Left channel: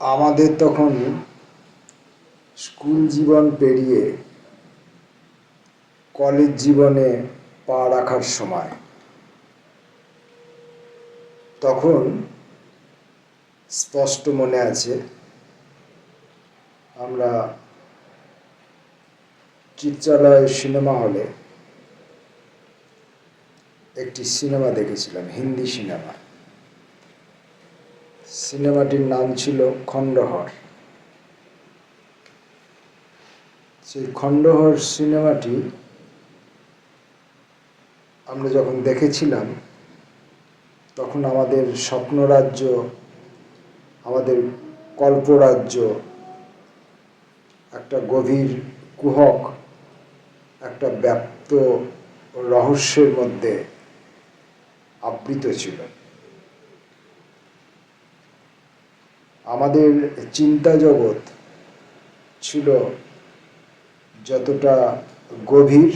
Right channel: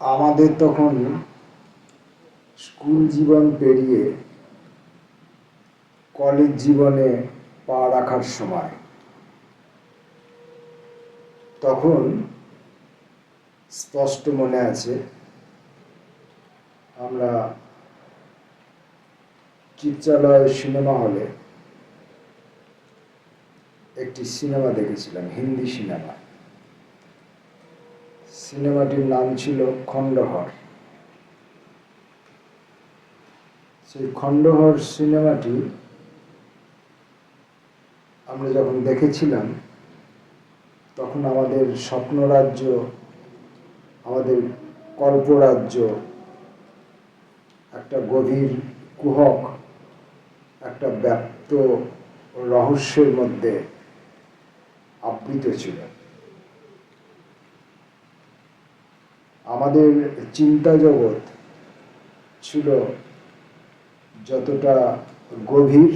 আমাদের তখন স্কুল জীবন পেরিয়ে কলেজ জীবনে পা রাখার সময়। তখন স্পষ্ট মনে আছে, আমরা চিত্রালয় সিনেমা হলে একটি সিনেমা দেখেছিলাম, হিন্দি সিনেমা। সিনেমাটির নাম ছিল খণ্ডহর। সেই খণ্ডহর সিনেমাটি আমরা যখন দেখেছিলাম, তখন আমাদের স্বপ্নরাজ্য, আমাদের কল্পরাজ্য একটা গভীর কুহক, একটা ব্যাপ্ত রহস্যের মধ্যে আবৃত ছিল। আমাদের চিন্তা জগৎ ছিল যতটা গভীর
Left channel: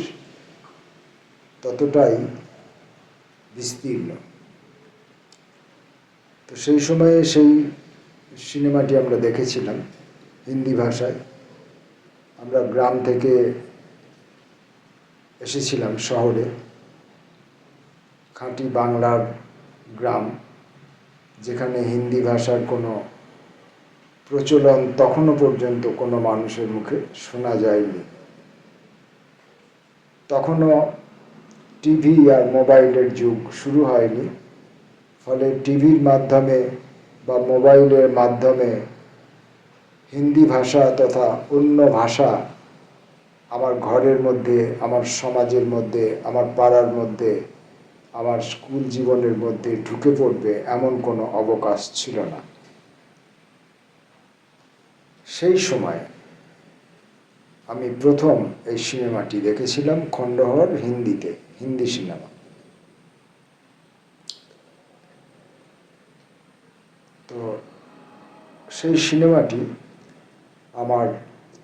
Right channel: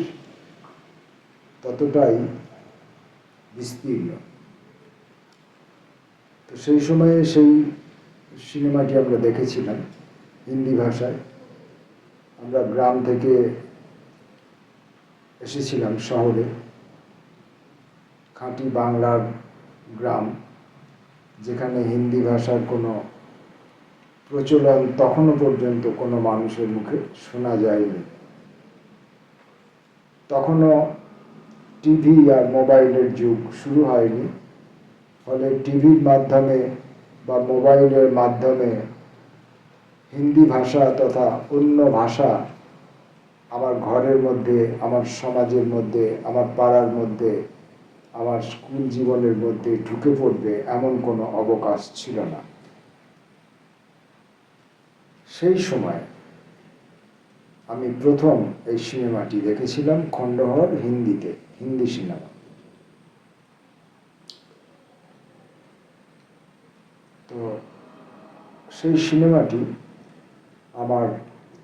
ততটাই বিস্তীর্ণ। তো সেই সময়ে সেই সিনেমাটি আমরা দেখেছিলাম হিন্দি ভাষায়। আমরা গ্রাম থেকে এসেছিলাম শহরে, খাঁটি বাংলার গ্রাম, যেখানে হিন্দি ভাষার কোনো প্রচলন তখনও পর্যন্ত কোনো মানুষের মুখে শোনা যায়নি। তখনও টিভি আর মোবাইলের যুগ শুরু হয়নি, ফলে টিভির মাধ্যমে বা মোবাইলের মাধ্যমে হিন্দি ভাষা তথা অন্য ভাষা আমার ঘরের মধ্যে, আমার সমাজের মধ্যে, আমার পাড়ার মধ্যে, আমার স্কুল জীবনের মধ্যে ঢুকে পড়বে এমন কোনো অবকাশ ছিল না। সেই সময় আমি প্রথম এই সিনেমাটি দেখেছিলাম, খণ্ডহর, হিন্দিতে, হিন্দি সিনেমা। তো সেই সিনেমাটি আমার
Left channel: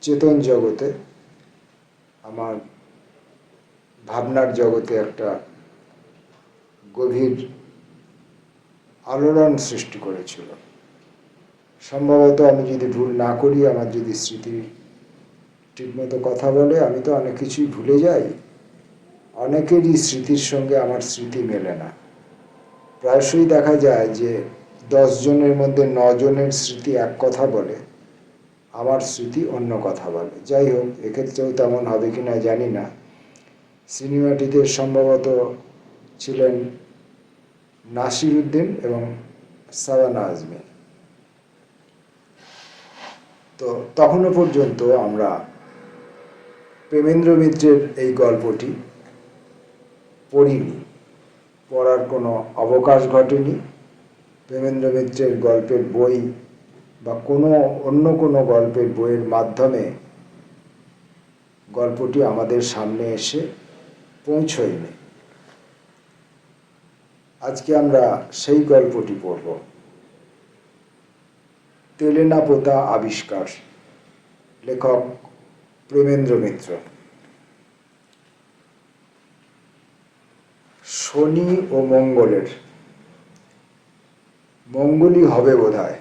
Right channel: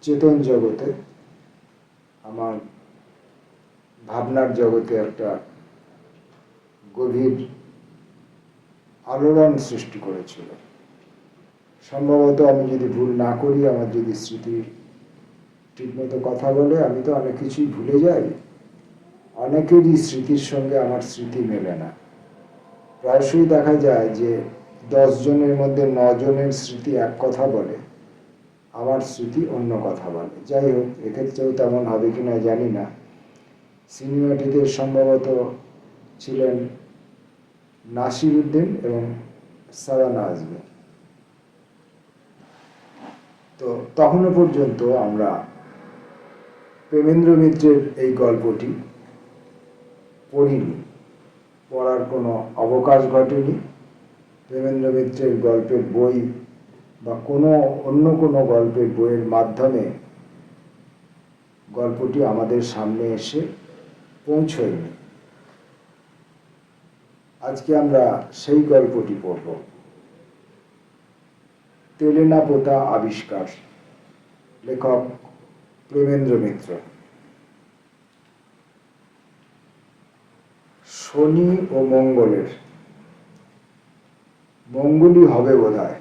চেতন জগতে, আমার ভাবনার জগতে একটা গভীর আলোড়ন সৃষ্টি করেছিল। সম্ভবত আমি যদি ভুল না করি, আমার যদি স্মৃতি ঠিকমতো কথা বলে, আমি তো অনেক কিছুই ভুলে যাই। অনেকেরই স্মৃতির সঙ্গে আমার স্মৃতি মেলে না। প্রায়শই দেখা যায় যে 10 জনের মধ্যে 9 জনের স্মৃতি এক কথা বলে, আমার স্মৃতি অন্য কথা বলে। যাই হোক, এক্ষেত্রেও তেমন হবে কিনা জানি না। সিনেমাটিতে সম্ভবত ছিলেন নাসির উদ্দিন এবং সাবানা আজমি। তো তখনও পর্যন্ত আমরা প্রেমেন্দ্র মিত্রের এই গল্পটি পড়িনি, পড়ার কোনো অবকাশ ঘটেনি। প্রেমেন্দ্র মিত্রের গল্পের বই বা অন্য কোনো গল্পের বইয়ের মাধ্যমে গল্পটি আমাদের সামনে এসে পৌঁছয়নি। আজকে আমরা সেই গল্পটি পড়ব। তেলেনাপোতা আবিষ্কার, লেখক প্রেমেন্দ্র মিত্র। শনি ও মঙ্গলের, মঙ্গলই হবে বোধহয়,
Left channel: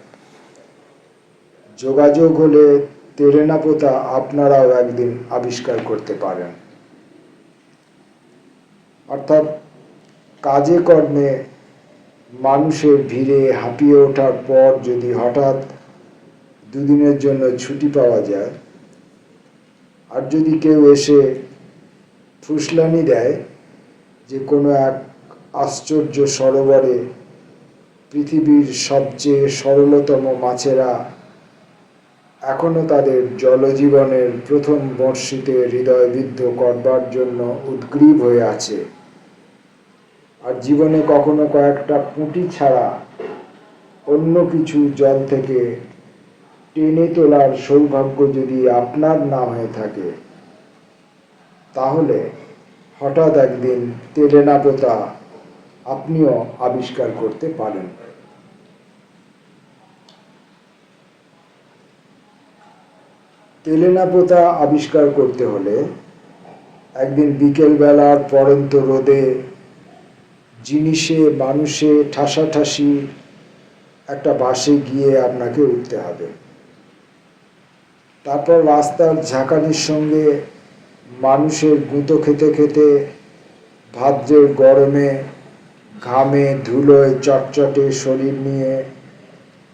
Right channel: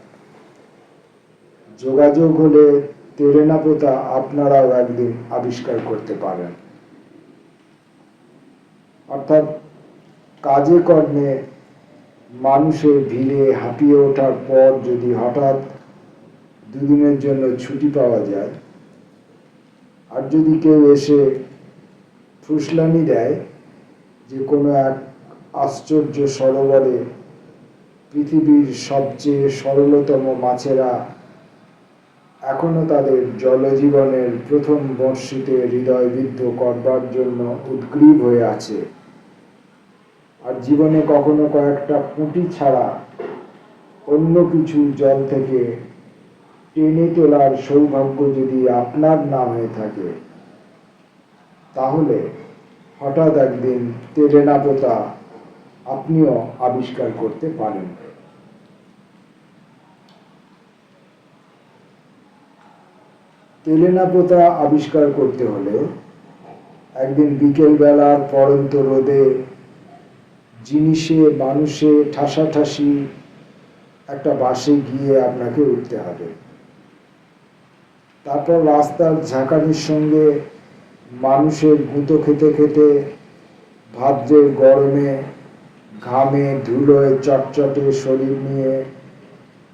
যোগাযোগ হলে তেলেনাপোতা আপনারাও একদিন আবিষ্কার করতে পারেন। অর্থাৎ কাজে কর্মে মানুষের ভিড়ে হাঁপিয়ে ওঠার পর যদি হঠাৎ দুদিনের জন্য ছুটি পাওয়া যায়, আর যদি কেউ এসে ফুসলানি দেয় যে কোনো এক আশ্চর্য সরোবরে পৃথিবীর সবচেয়ে সরলতম মাছেরা এখনো তাদের জলজীবনের প্রথম বর্ষিতে হৃদয়বিদ্ধ করবার জন্য উদ্গ্রীব হয়ে আছে, আর জীবনে কখনো কয়েকটা পুঁটি ছাড়া অন্য কিছু জল থেকে টেনে তোলার সৌভাগ্য যদি আপনার না হয়ে থাকে, তাহলে হঠাৎ একদিন তেলেনাপোতা আপনিও আবিষ্কার করতে পারেন। তেলেনাপোতা আবিষ্কার করতে হলে একদিন বিকেলবেলার পড়ন্ত রোদে জিনিসে মানুষে ঠাসাঠাসি একটা বাসে গিয়ে আপনাকে উঠতে হবে। তারপর রাস্তার ঝাঁকানির সঙ্গে মানুষের গুঁতো খেতে খেতে ভাদ্রের গরমে ঘামে ধুলোয় চটচটে শরীর নিয়ে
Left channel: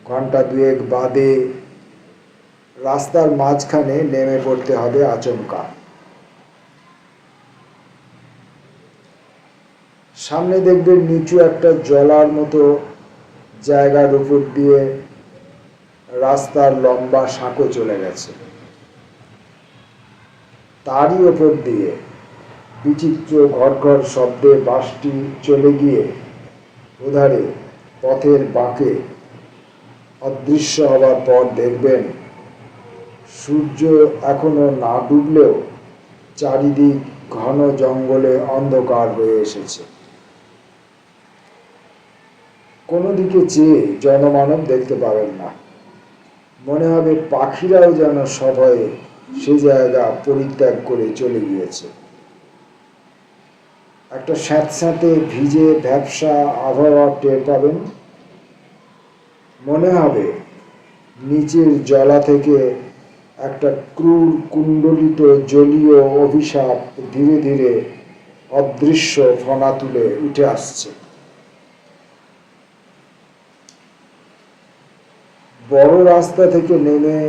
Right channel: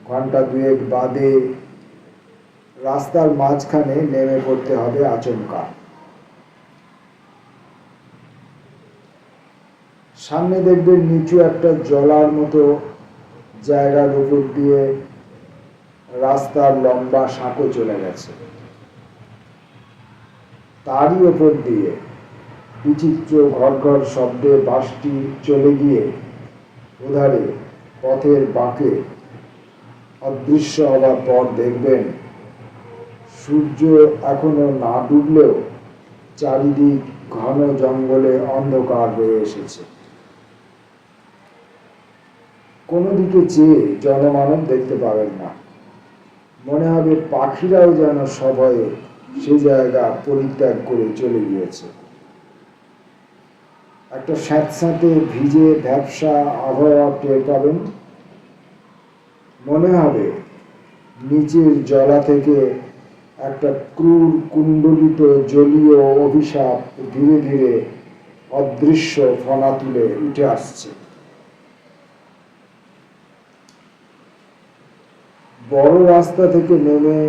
ঘন্টা দুয়েক বাদে রাস্তার মাঝখানে নেমে পড়তে হবে আচমকা। সামনে দেখবেন নিচু একটা জলার মতো জায়গার উপর দিয়ে রাস্তার লম্বা সাঁকো চলে গেছে। তারই ওপর দিয়ে বিচিত্র ঘর ঘর শব্দে বাসটি চলে গিয়ে ওধারে পথের বাঁকে অদৃশ্য হবার পর দেখবেন সূর্য এখনো না ডুবলেও চারিদিক ঘন জঙ্গলে অন্ধকার হয়ে এসেছে। কোনো দিকে চেয়ে জনমানব দেখতে পাবেন না। মনে হবে পাখিরাও যেন সভয়ে সে জায়গা পরিত্যাগ করে চলে গিয়েছে। একটা স্যাঁতস্যাঁতে ভিজে ভ্যাপসা আবহাওয়া টের পাবেন। মনে হবে নিচের জলা থেকে একটা ক্রূর কুণ্ডলিত জলীয় অভিশাপ ধীরে ধীরে অদৃশ্য ফনা তুলে উঠে আসছে। বড় রাস্তা থেকে নেমে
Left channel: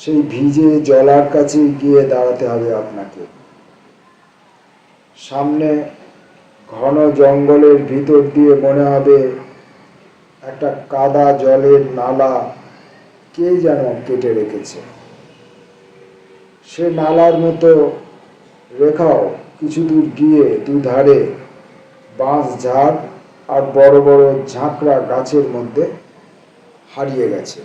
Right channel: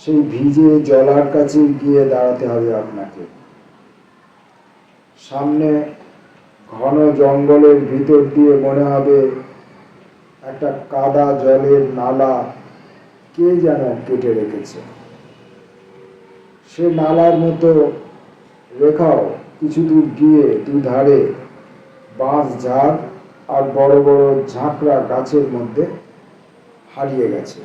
সেই ভিজে জলার কাছে গিয়ে দাঁড়াতে হবে আপনাকে। সামনে ঘন জঙ্গলের ভিতর দিয়ে মনে হবে একটা কাদা জলের নালা কে যেন কেটে রেখেছে। সে নালার মতো রেখাও কিছু দূর গিয়ে দুধারে বাঁশ ঝাড় আর বড় বড় ঝাঁকড়া গাছের মধ্যে হারিয়ে গেছে।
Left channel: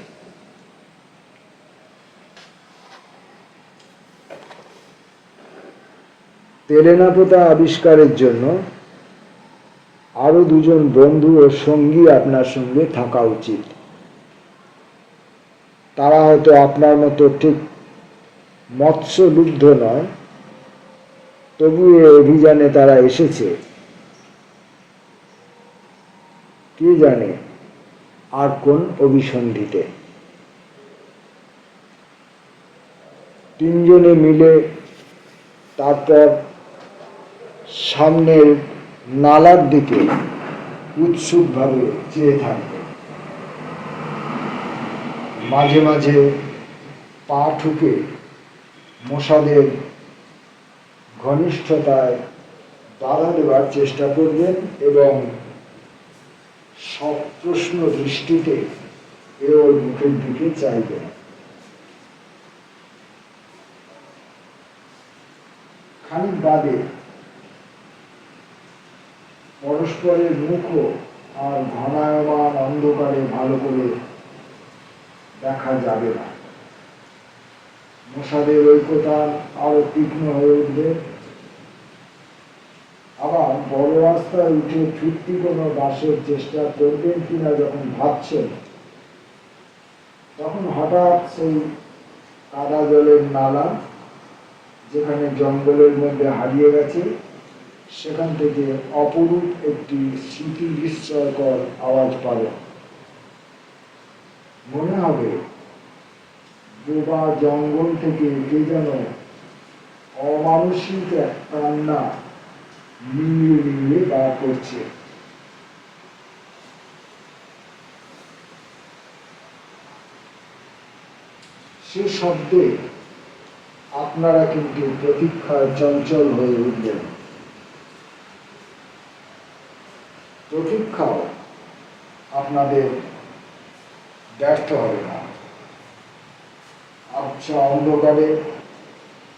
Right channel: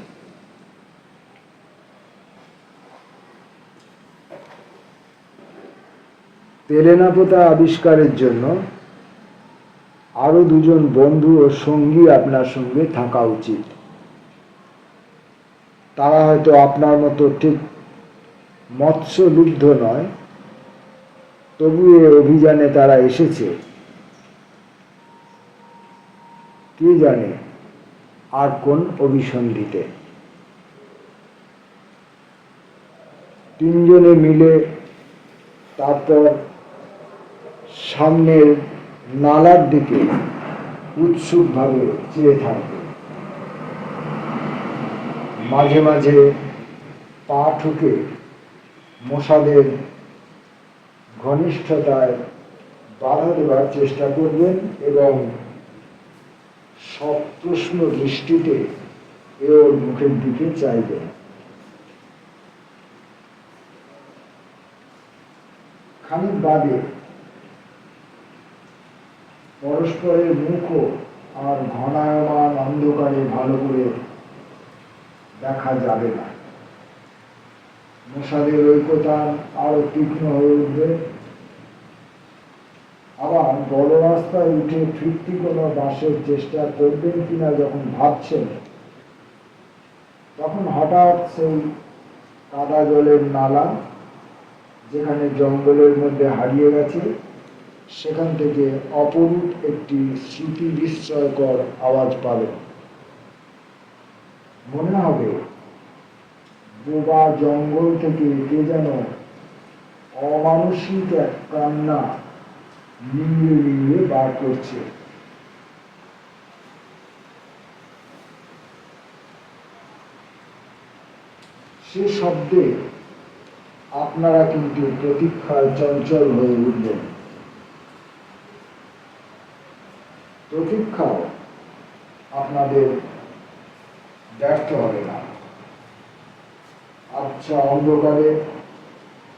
তেলেনাপোতা আবিষ্কারের জন্য আরো দুজন বন্ধু ও সঙ্গী আপনার সঙ্গে থাকা উচিত। তারা হয়তো আপনার মতো ঠিক মৎস্যলুব্ধ নয়, তবু এ অভিযানে তারা এসেছে কে জানে আর কোন অভিসন্ধিতে। তিনজনে মিলে তারপর সামনের নালার দিকে উৎসুকভাবে চেয়ে থাকবে। মাঝে মাঝে পা ঠুকে মশাদের ঘনিষ্ঠতায় বাধা দেওয়ার চেষ্টা করবেন এবং সপ্রশ্ন দৃষ্টিতে ওর মুখের দিকে চাইবেন। খানিক বাদে পরস্পরের মুখও আর ঘনায়মান অন্ধকারে ভালো করে দেখা যাবে না। মশাদের ঐক্যতান আরো তীক্ষ্ণ হয়ে উঠবে। আবার বড় রাস্তায় উঠে ফিরতি কোনো বাসের চেষ্টা করবেন কিনা যখন ভাবছেন, তখন হঠাৎ সেই কাদা জলের নালা যেখানে জঙ্গলের মধ্যে হারিয়ে গেছে, সেখান থেকে অপরূপ একটি স্মৃতি বিস্ময়কর আওয়াজ পাবেন। মনে হবে বোবা জঙ্গল থেকে কে যেন অমানসিক এক কান্না নিয়ে নিয়ে বার করছে। সে শব্দে আপনারা কিন্তু প্রতীক্ষায় চঞ্চল হয়ে উঠবেন। প্রতীক্ষাও আপনাদের ব্যর্থ হবে না। আচ্ছা অন্ধকারে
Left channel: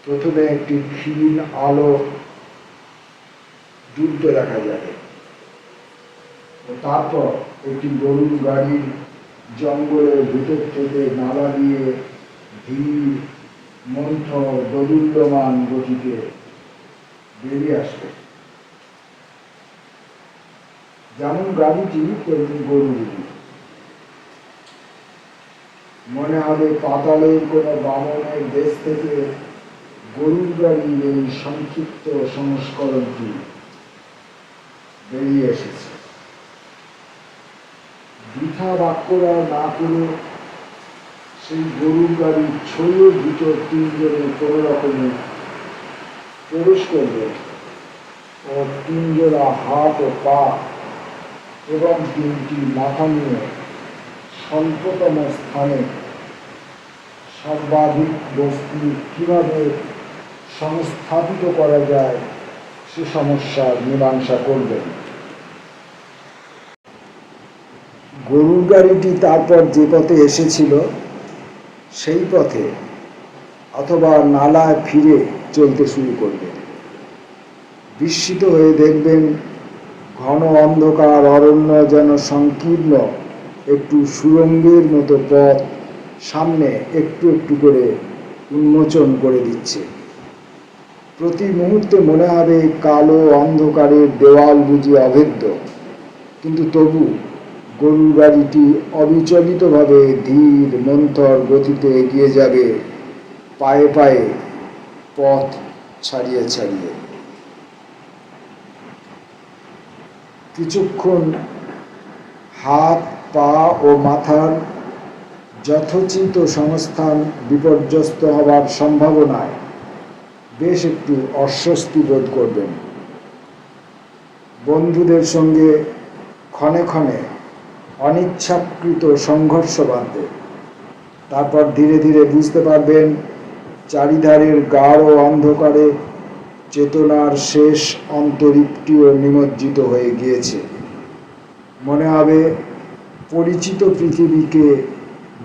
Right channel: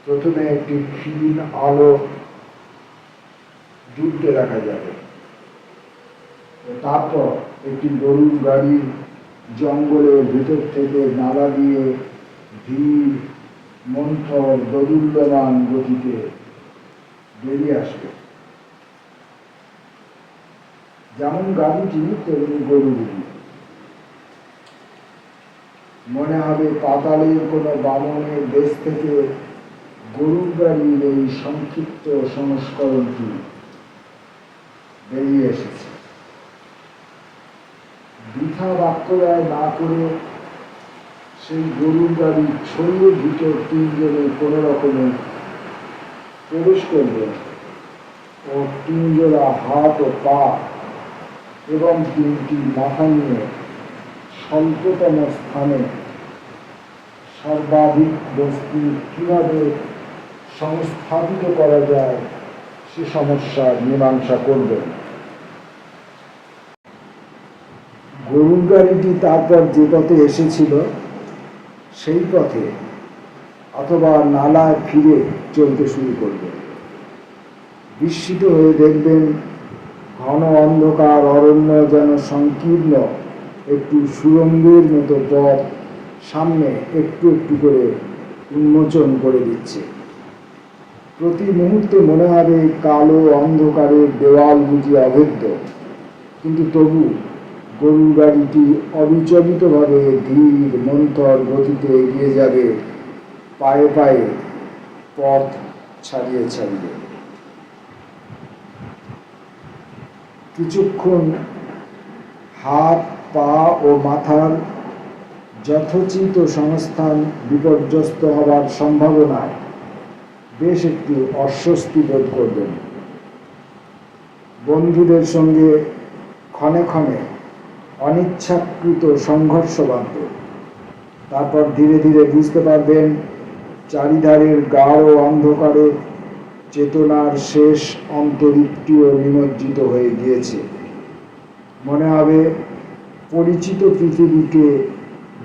প্রথমে একটি ক্ষীণ আলো জ্বলতে দেখা যাবে, তারপর একটি গরুর গাড়ির জঙ্গলের ভিতর থেকে নালা দিয়ে ধীর মন্থর দোদুল্যমান গতিতে বেরিয়ে আসবে। যেমন গাড়িটি তেমনি গরুগুলি। মনে হবে পাতালের কোন বামনের দেশ থেকে গরুর গাড়ির এই সংক্ষিপ্ত সংস্করণটি বেরিয়ে এসেছে। বৃথা বাক্যব্যয় না করে সেই গরুর গাড়ির ছইয়ের ভিতর তিনজনে কোনো রকমে প্রবেশ করবেন ও তিনজোড়া হাত ও পা এবং তিনটি মাথা নিয়ে স্বল্পতম স্থানে সর্বাধিক বস্তু কীভাবে সংস্থাপিত করা যায় সে সমস্যার মীমাংসা করবেন। গরুর গাড়িটি তারপর যে পথে এসেছিল সেই পথে অথবা নালায় ফিরে চলতে শুরু করবে। বিস্মিত হয়ে দেখবেন ঘন অন্ধকার অরণ্য যেন সংকীর্ণ একটু সুড়ঙ্গের মতো পথ সামনে একটু একটু করে উন্মোচন করে দিচ্ছে। প্রতি মুহূর্তে মনে হবে কালো অন্ধকারের দেওয়াল বুঝি অভেদ্য, কিন্তু তবু গরুর গাড়িটি অবিচলিতভাবে ধীর মন্থর গতিতে এগিয়ে যাবে, পায়ে পায়ে পথ ছাড়িয়ে ছাড়িয়ে। কিছুক্ষণ হাত পা ও মাথার যথোচিত সংস্থান বিপর্যস্ত হবার সম্ভাবনায় বেশ একটু অস্বস্তি বোধ করবেন। বন্ধুদের সঙ্গে ক্ষণে ক্ষণে অনিচ্ছাকৃত সংঘর্ষ বাঁধবে। তারপর ধীরে ধীরে বুঝতে পারবেন চারিধারের গাঢ় অন্ধকারে চেতনার শেষ অন্তরীপটিও নিমজ্জিত হয়ে গিয়েছে। মনে হবে পরিচিত পৃথিবীকে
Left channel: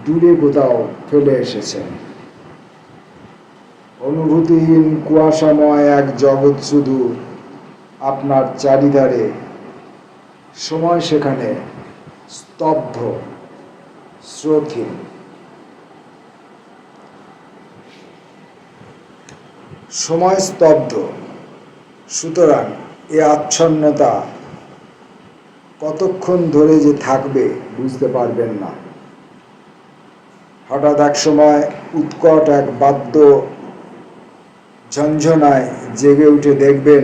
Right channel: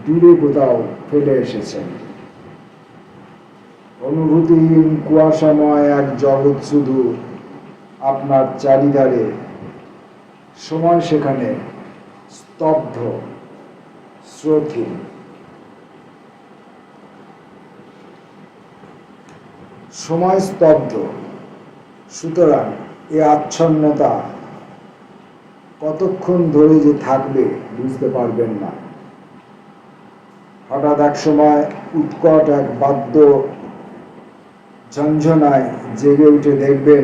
দূরে কোথাও ফেলে এসেছেন। অনুভূতিহীন কুয়াশাময় এক জগৎ শুধু আপনার চারিধারে, সময় সেখানে স্তব্ধ, স্রোতহীন। সময় স্তব্ধ, সুতরাং এ আচ্ছন্নতা কতক্ষণ ধরে যে থাকবে বুঝতে পারবেন না। হঠাৎ এক সময় উৎকট এক বাদ্য ঝঞ্ঝনায় জেগে উঠে দেখবেন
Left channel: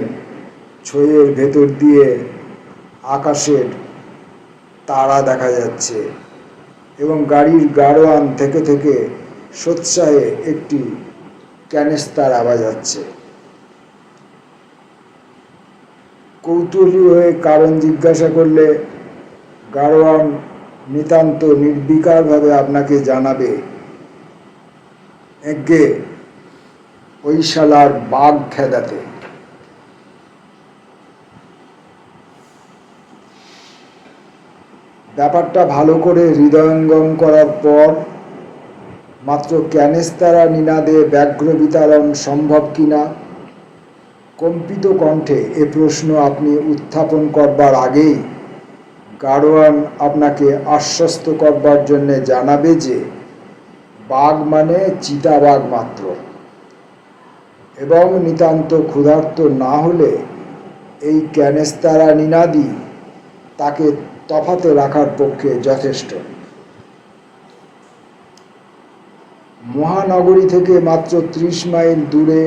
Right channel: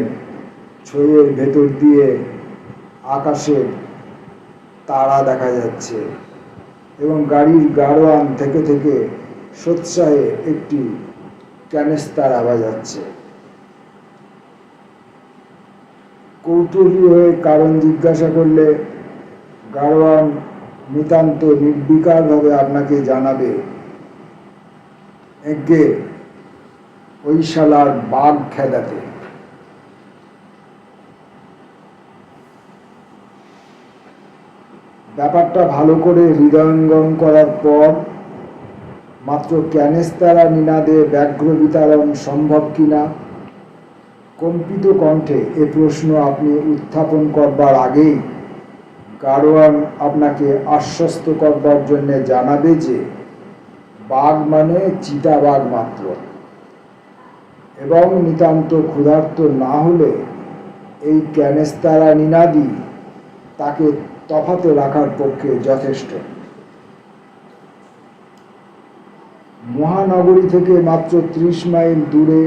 ছইয়ের ভেতর দিয়ে আকাশের তারা দেখা যাচ্ছে এবং গাড়ির গাড়োয়ান থেকে থেকে সোৎসাহে একটি ক্যানেস্তার আওয়াজ যাচ্ছে। কৌতূহলী হয়ে কারণ জিজ্ঞাসা করলে গাড়োয়ান নিতান্ত নির্বিকারভাবে আপনাকে জানাবে, এগে ওই শালার বাঘ খেদাতে। ব্যাপারটা ভালো করে হৃদয়ঙ্গম করার পর মাত্র ক্যানেস্তারা নিনাদে ব্যাঘ্র বিতাড়ন সম্ভব কিনা কম্পিত কণ্ঠে এ প্রশ্ন আপনি উত্থাপন করবার আগেই গাড়োয়ান আপনাকে আশ্বস্ত করবার জন্য জানাবে যে বাঘ মানে চিতাবাঘ মাত্র, এবং নিতান্ত ক্ষুধার্ত না হলে এই ক্যানেস্তারা নিনাদি তাকে তফাতে রাখার পক্ষে যথেষ্ট। মহানগরী থেকে মাত্র 30 মাইল দূরে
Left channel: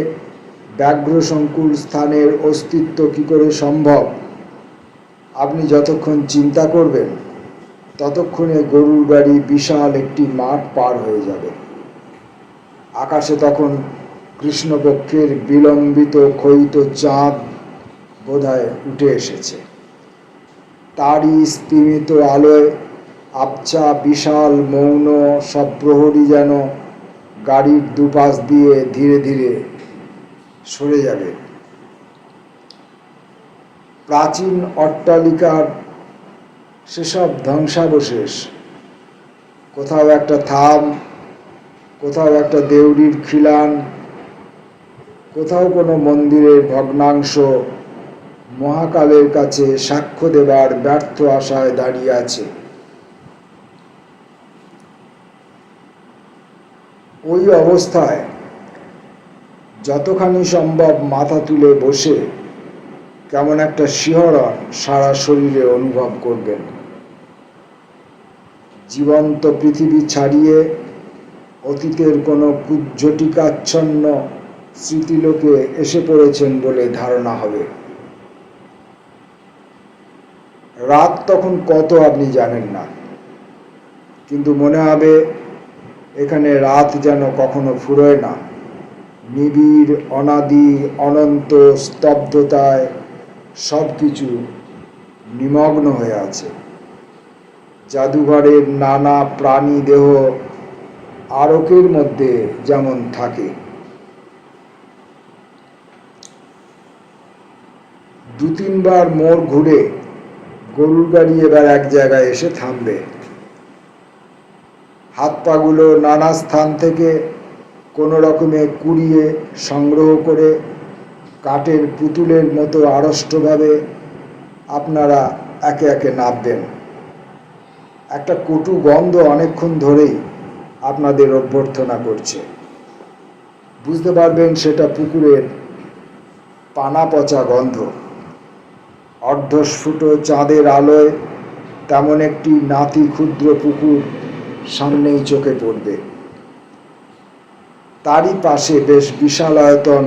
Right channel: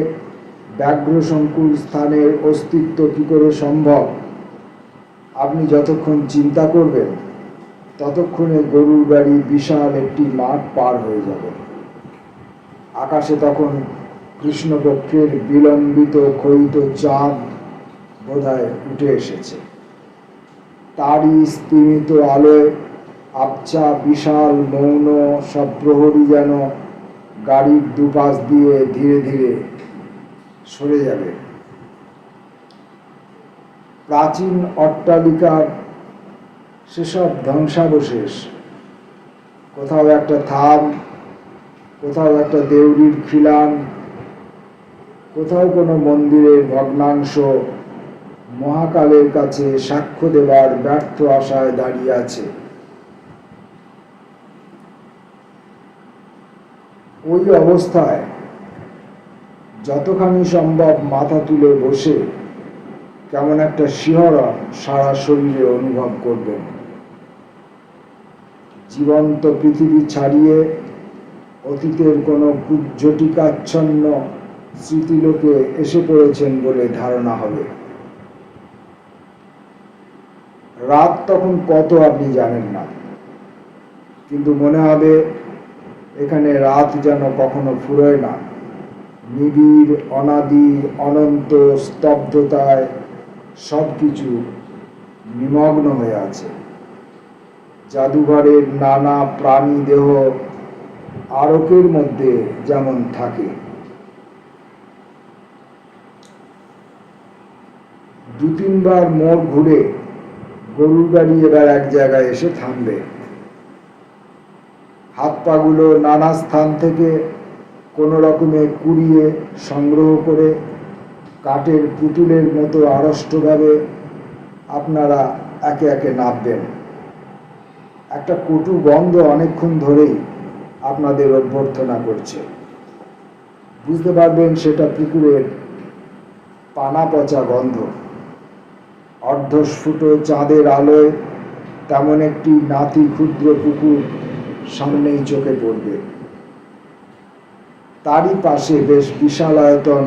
ব্যাঘ্র সংকুল স্থানের অস্তিত্ব কি করে সম্ভব আপনি যতক্ষণ চিন্তা করবেন ততক্ষণে গরুর গাড়ি বিশাল একটি মাঠ পার হয়ে যাবে। আকাশে তখন কৃষ্ণপক্ষের বিলম্বিত ক্ষয়িত চাঁদ বোধহয় উঠে এসেছে। তারই স্তিমিত আলোয় আবছা বিশাল মৌন সব প্রহরী যেন গাড়ির দুপাশ দিয়ে ধীরে ধীরে সরে যাবে। প্রাচীন অট্টালিকার সেসব ধ্বংসাবশেষ, কোথাও একটা থাম, কোথাও একটা দেউড়ির খিলান, কোথাও কোনো মন্দিরের ভগ্নাংশ মহাকালের কাছে সাক্ষ্য দেবার ব্যর্থ আশায় দাঁড়িয়ে আছে। ওই অবস্থায় যতখানি সম্ভব মাথা তুলে বসে কেমন একটা শিহরণ সারা শরীরে অনুভব করবেন। জীবন্ত পৃথিবী ছাড়িয়ে অতীতের কোনো কুজ্ঝটিকাচ্ছন্ন স্মৃতিলোকে এসে পড়েছেন বলে ধারণা হবে। রাত তখন কত আপনি জানেন না, কিন্তু মনে হবে এখানে রাত যেন কখনো ফুরোয় না। নিবিড়, অনাদি, অনন্ত স্তব্ধতায় সব কিছু নিমগ্ন হয়ে আছে। জাদুঘরের নানা প্রাণী দেহ আরকের মধ্যে যেমন থাকে। দু তিনবার মোড় ঘুরে গরুর গাড়ি এবার এক জায়গায় এসে থামবে। হাত পাগুলো নানা স্থান থেকে কোনো রকমে কুড়িয়ে সংগ্রহ করে কাঠের পুতুলের মতো আড়ষ্টভাবে আপনারা একে একে নামবেন। একটা কটু গন্ধ অনেকক্ষণ ধরেই আপনাদের অভ্যর্থনা করছে। বুঝতে পারবেন সেটা পুকুরের পানা পচা গন্ধ। অর্ধস্ফুট চাঁদের আলোয় তেমন একটি নাতি ক্ষুদ্র পুকুর সামনেই চোখে পড়বে। তারই পাশে বেশ বিশালায়তন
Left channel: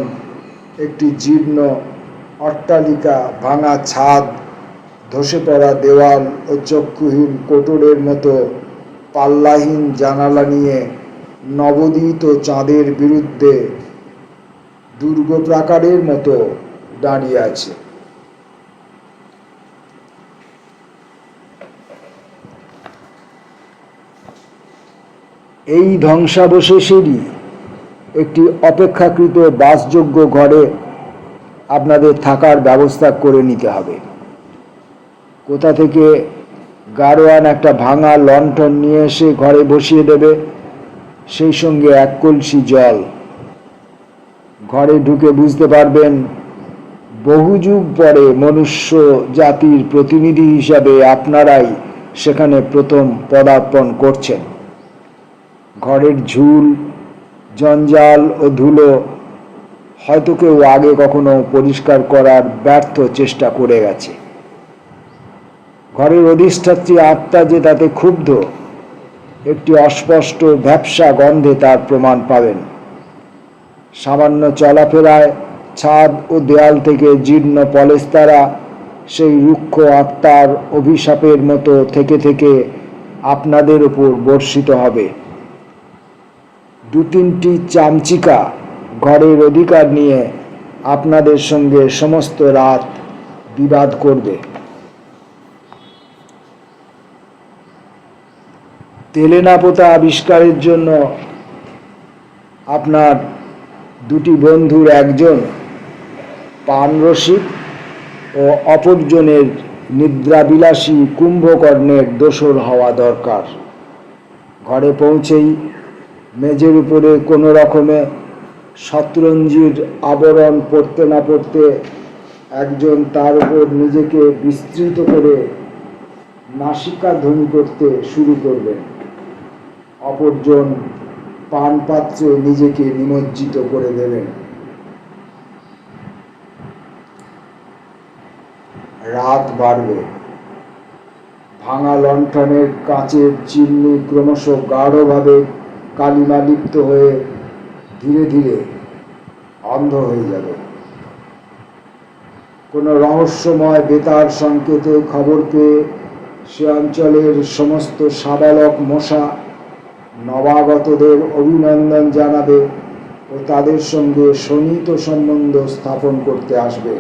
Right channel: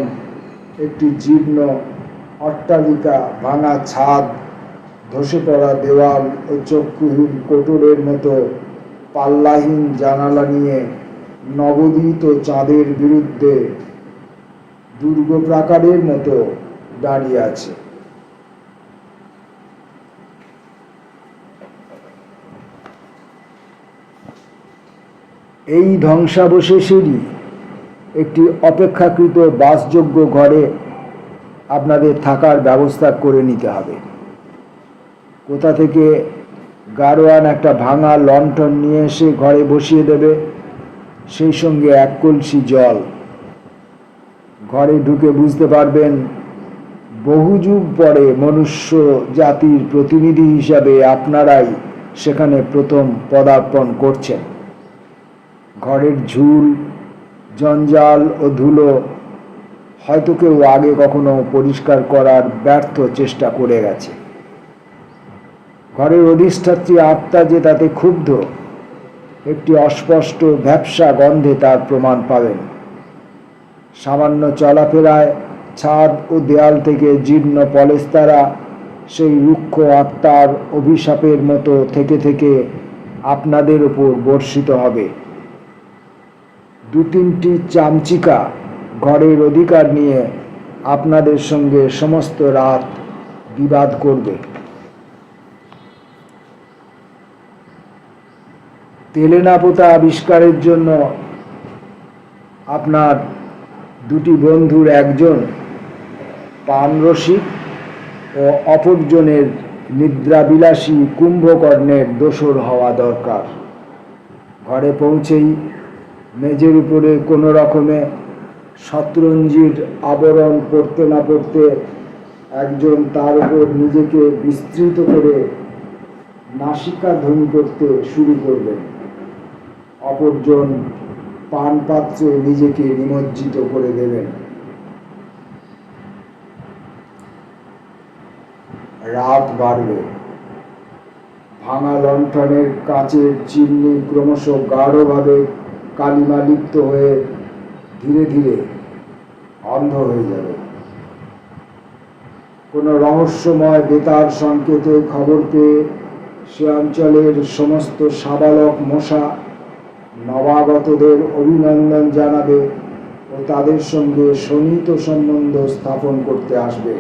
একটি জীর্ণ অট্টালিকা, ভাঙা ছাদ, ধসে পড়া দেওয়াল ও চক্ষুহীন কোটরের মতো পাল্লাহীন জানালা নিয়ে নবোদিত চাঁদের বিরুদ্ধে দুর্গ প্রাকারের মতো দাঁড়িয়ে আছে। এই ধ্বংসাবশেষেরই একটি অপেক্ষাকৃত বাসযোগ্য ঘরে আপনাদের থাকার ব্যবস্থা করে নিতে হবে। কোথা থেকে গাড়োয়ান একটা ভাঙা লণ্ঠন নিয়ে এসে ঘরে বসিয়ে দেবে, সেই সঙ্গে এক কলসি জল। ঘরে ঢুকে বুঝতে পারবেন বহু যুগ পরে মনুষ্য জাতির প্রতিনিধি হিসাবে আপনারাই সেখানে প্রথম পদার্পণ করছেন। ঘরের ঝুল, জঞ্জাল ও ধুলো হয়তো কেউ আগে কখনো পরিষ্কার করার ব্যর্থ চেষ্টা করে গেছে। ঘরের অধিষ্ঠাত্রী আত্মা যে তাতে ক্ষুব্ধ, একটি অস্পষ্ট ভ্যাপসা গন্ধে তার প্রমাণ পাবেন। সামান্য চলাফেরায় ছাদ ও দেয়াল থেকে জীর্ণ পলেস্তারা সেই রুক্ষ আত্মার অভিশাপের মতো থেকে থেকে আপনাদের উপর বর্ষিত হবে। দু তিনটি চামচিকা ঘরের অধিকার নিয়ে আপনাদের সঙ্গে সমস্ত রাত বিবাদ করবে। তেলেনাপোতা আবিষ্কারের জন্য আপনার দুটি বন্ধুর একজন পানরসিক ও অপরজনের নিদ্রাবিলাসী কুম্ভকর্ণের দোসর হওয়া দরকার। ঘরে পৌঁছেই মেঝের উপরে কোনো রকমে শতরঞ্জির আবরণ পড়তে না পড়তে একজন তার উপর নিজেকে বিস্তৃত করে নাসিকা ধ্বনি করতে শুরু করবেন। অপরজন পানপাত্রে নিজেকে নিমজ্জিত করে দেবেন। রাত বাড়বে। ভাঙা লণ্ঠনের কাঁচের চিমনি ক্রমশ গাঢ়ভাবে কালিমালিপ্ত হয়ে ধীরে ধীরে অন্ধ হয়ে যাবে। কোনো রহস্যময় বেতার সংকেতে খবর পেয়ে সে অঞ্চলের সমস্ত সাবালক মশা নবাগতদের অভিনন্দন জানাবে ও তাদের সঙ্গে সনিহিত সম্বন্ধ স্থাপন করতে আসবে।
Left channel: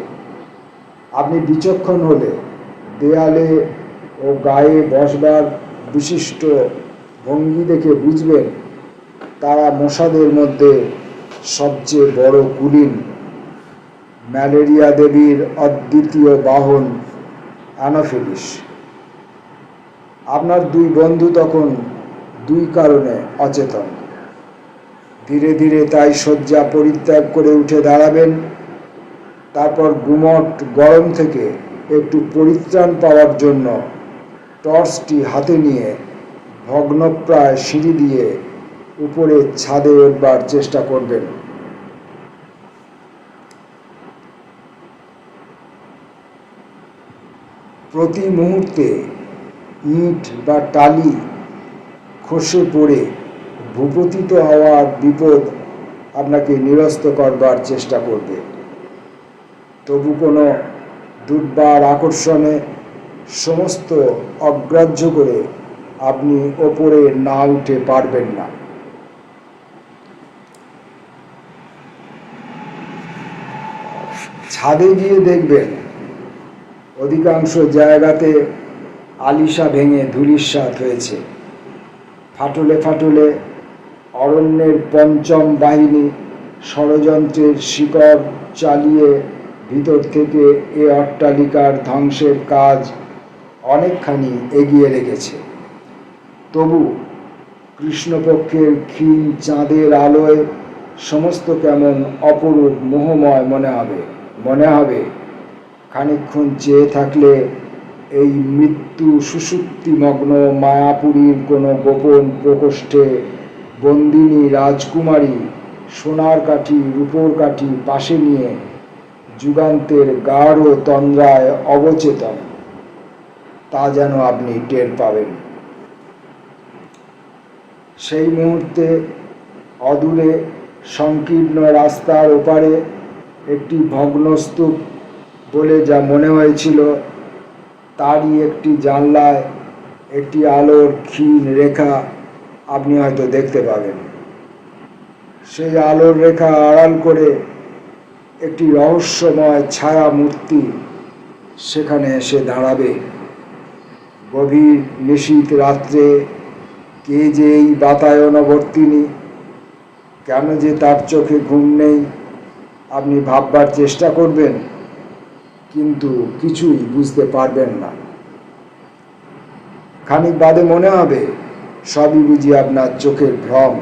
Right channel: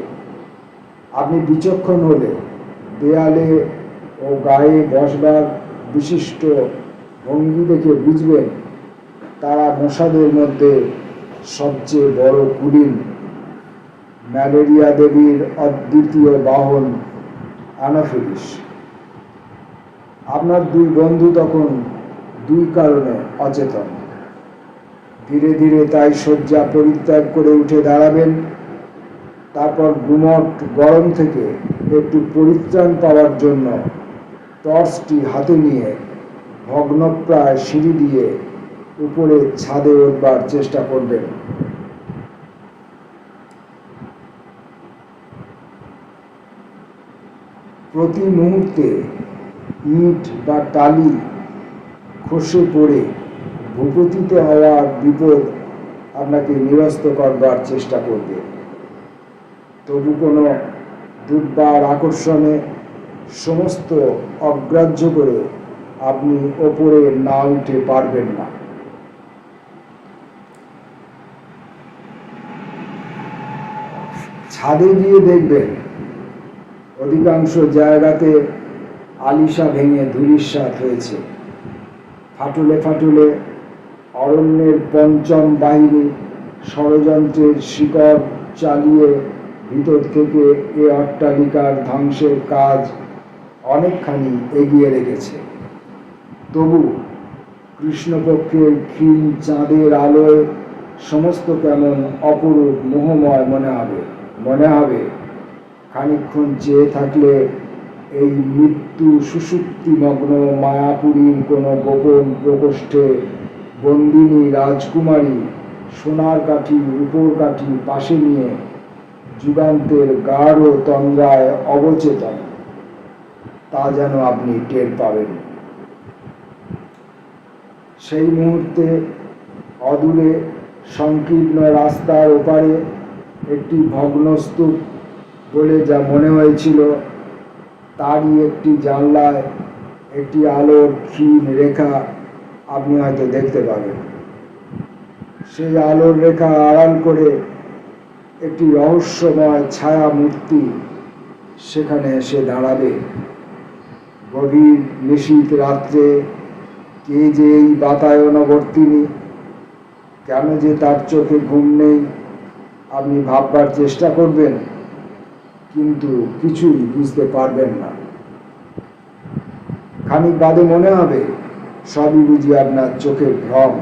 আপনি বিচক্ষণ হলে দেয়ালে ও গায়ে বসবার বিশিষ্ট ভঙ্গি দেখে বুঝবেন তারা মশাদের মধ্যে সবচেয়ে বড় কুলীন, ম্যালেরিয়া দেবীর অদ্বিতীয় বাহন অ্যানোফিলিস। আপনার দুই বন্ধু তখন দুই কারণে অচেতন। ধীরে ধীরে তাই শয্যা পরিত্যাগ করে উঠে দাঁড়াবেন। তারপর গুমট গরম থেকে একটু পরিত্রাণ পাওয়ার জন্য টর্চটি হাতে নিয়ে ভগ্নপ্রায় সিঁড়ি দিয়ে উপরে ছাদে উঠবার চেষ্টা করবেন। প্রতি মুহূর্তে ইট বা টালি খসে পড়ে ভূপতিত হওয়ার বিপদ আপনাকে নিরস্ত করবার চেষ্টা করবে। তবু কোনো দুর্বার আকর্ষণে সমস্ত অগ্রাহ্য করে আপনি ওপরে না উঠে পারবেন না। ছাদে গিয়ে দেখবেন অধিকাংশ জায়গাতে আলিশা ভেঙে ধূলিসাৎ হয়েছে। ফাটলে ফাটলে অরণ্যের পঞ্চম বাহিনী ষড়যন্ত্রের শিকড় চালিয়ে ভিতর থেকে এ অট্টালিকার ধ্বংসের কাজ অনেকখানি এগিয়ে রেখেছে। তবু কৃষ্ণপক্ষের ক্ষীণ চাঁদের আলোয় সমস্ত কেমন অপরূপ মোহময় মনে হবে খানিকক্ষণ চেয়ে থাকলে এই মৃত্যু সুষুপ্তিমগ্ন মায়াপুরীর কোনো গোপন প্রকোষ্ঠে বন্দিনী রাজকুমারী সোনার কাঠি রূপোর কাঠি পাশে নিয়ে যুগান্তের গাঢ় তন্দ্রায় অবচেতন, তা যেন আপনি টের পাবেন। সেই মুহূর্তে অদূরে সংকীর্ণ রাস্তার ওপারে একটি ভগ্নস্তূপ বলে যা মনে হয়েছিল, তারই একটি জানলায় একটি আলোর ক্ষীণ রেখা আপনি হয়তো দেখতে পাবেন। সেই আলোর রেখা আড়াল করে একটি রহস্যময় ছায়া মূর্তি সেখানে এসে দাঁড়াবে। গভীর নিশীথ রাত্রে কে যে এই বাতায়নবর্তিনী, কেন যে তার চোখে ঘুম নেই, আপনি ভাববার চেষ্টা করবেন, কিন্তু কিছুই বুঝতে পারবেন না। খানিক বাদে মনে হবে সবই বুঝি আপনার চোখের ভ্রম।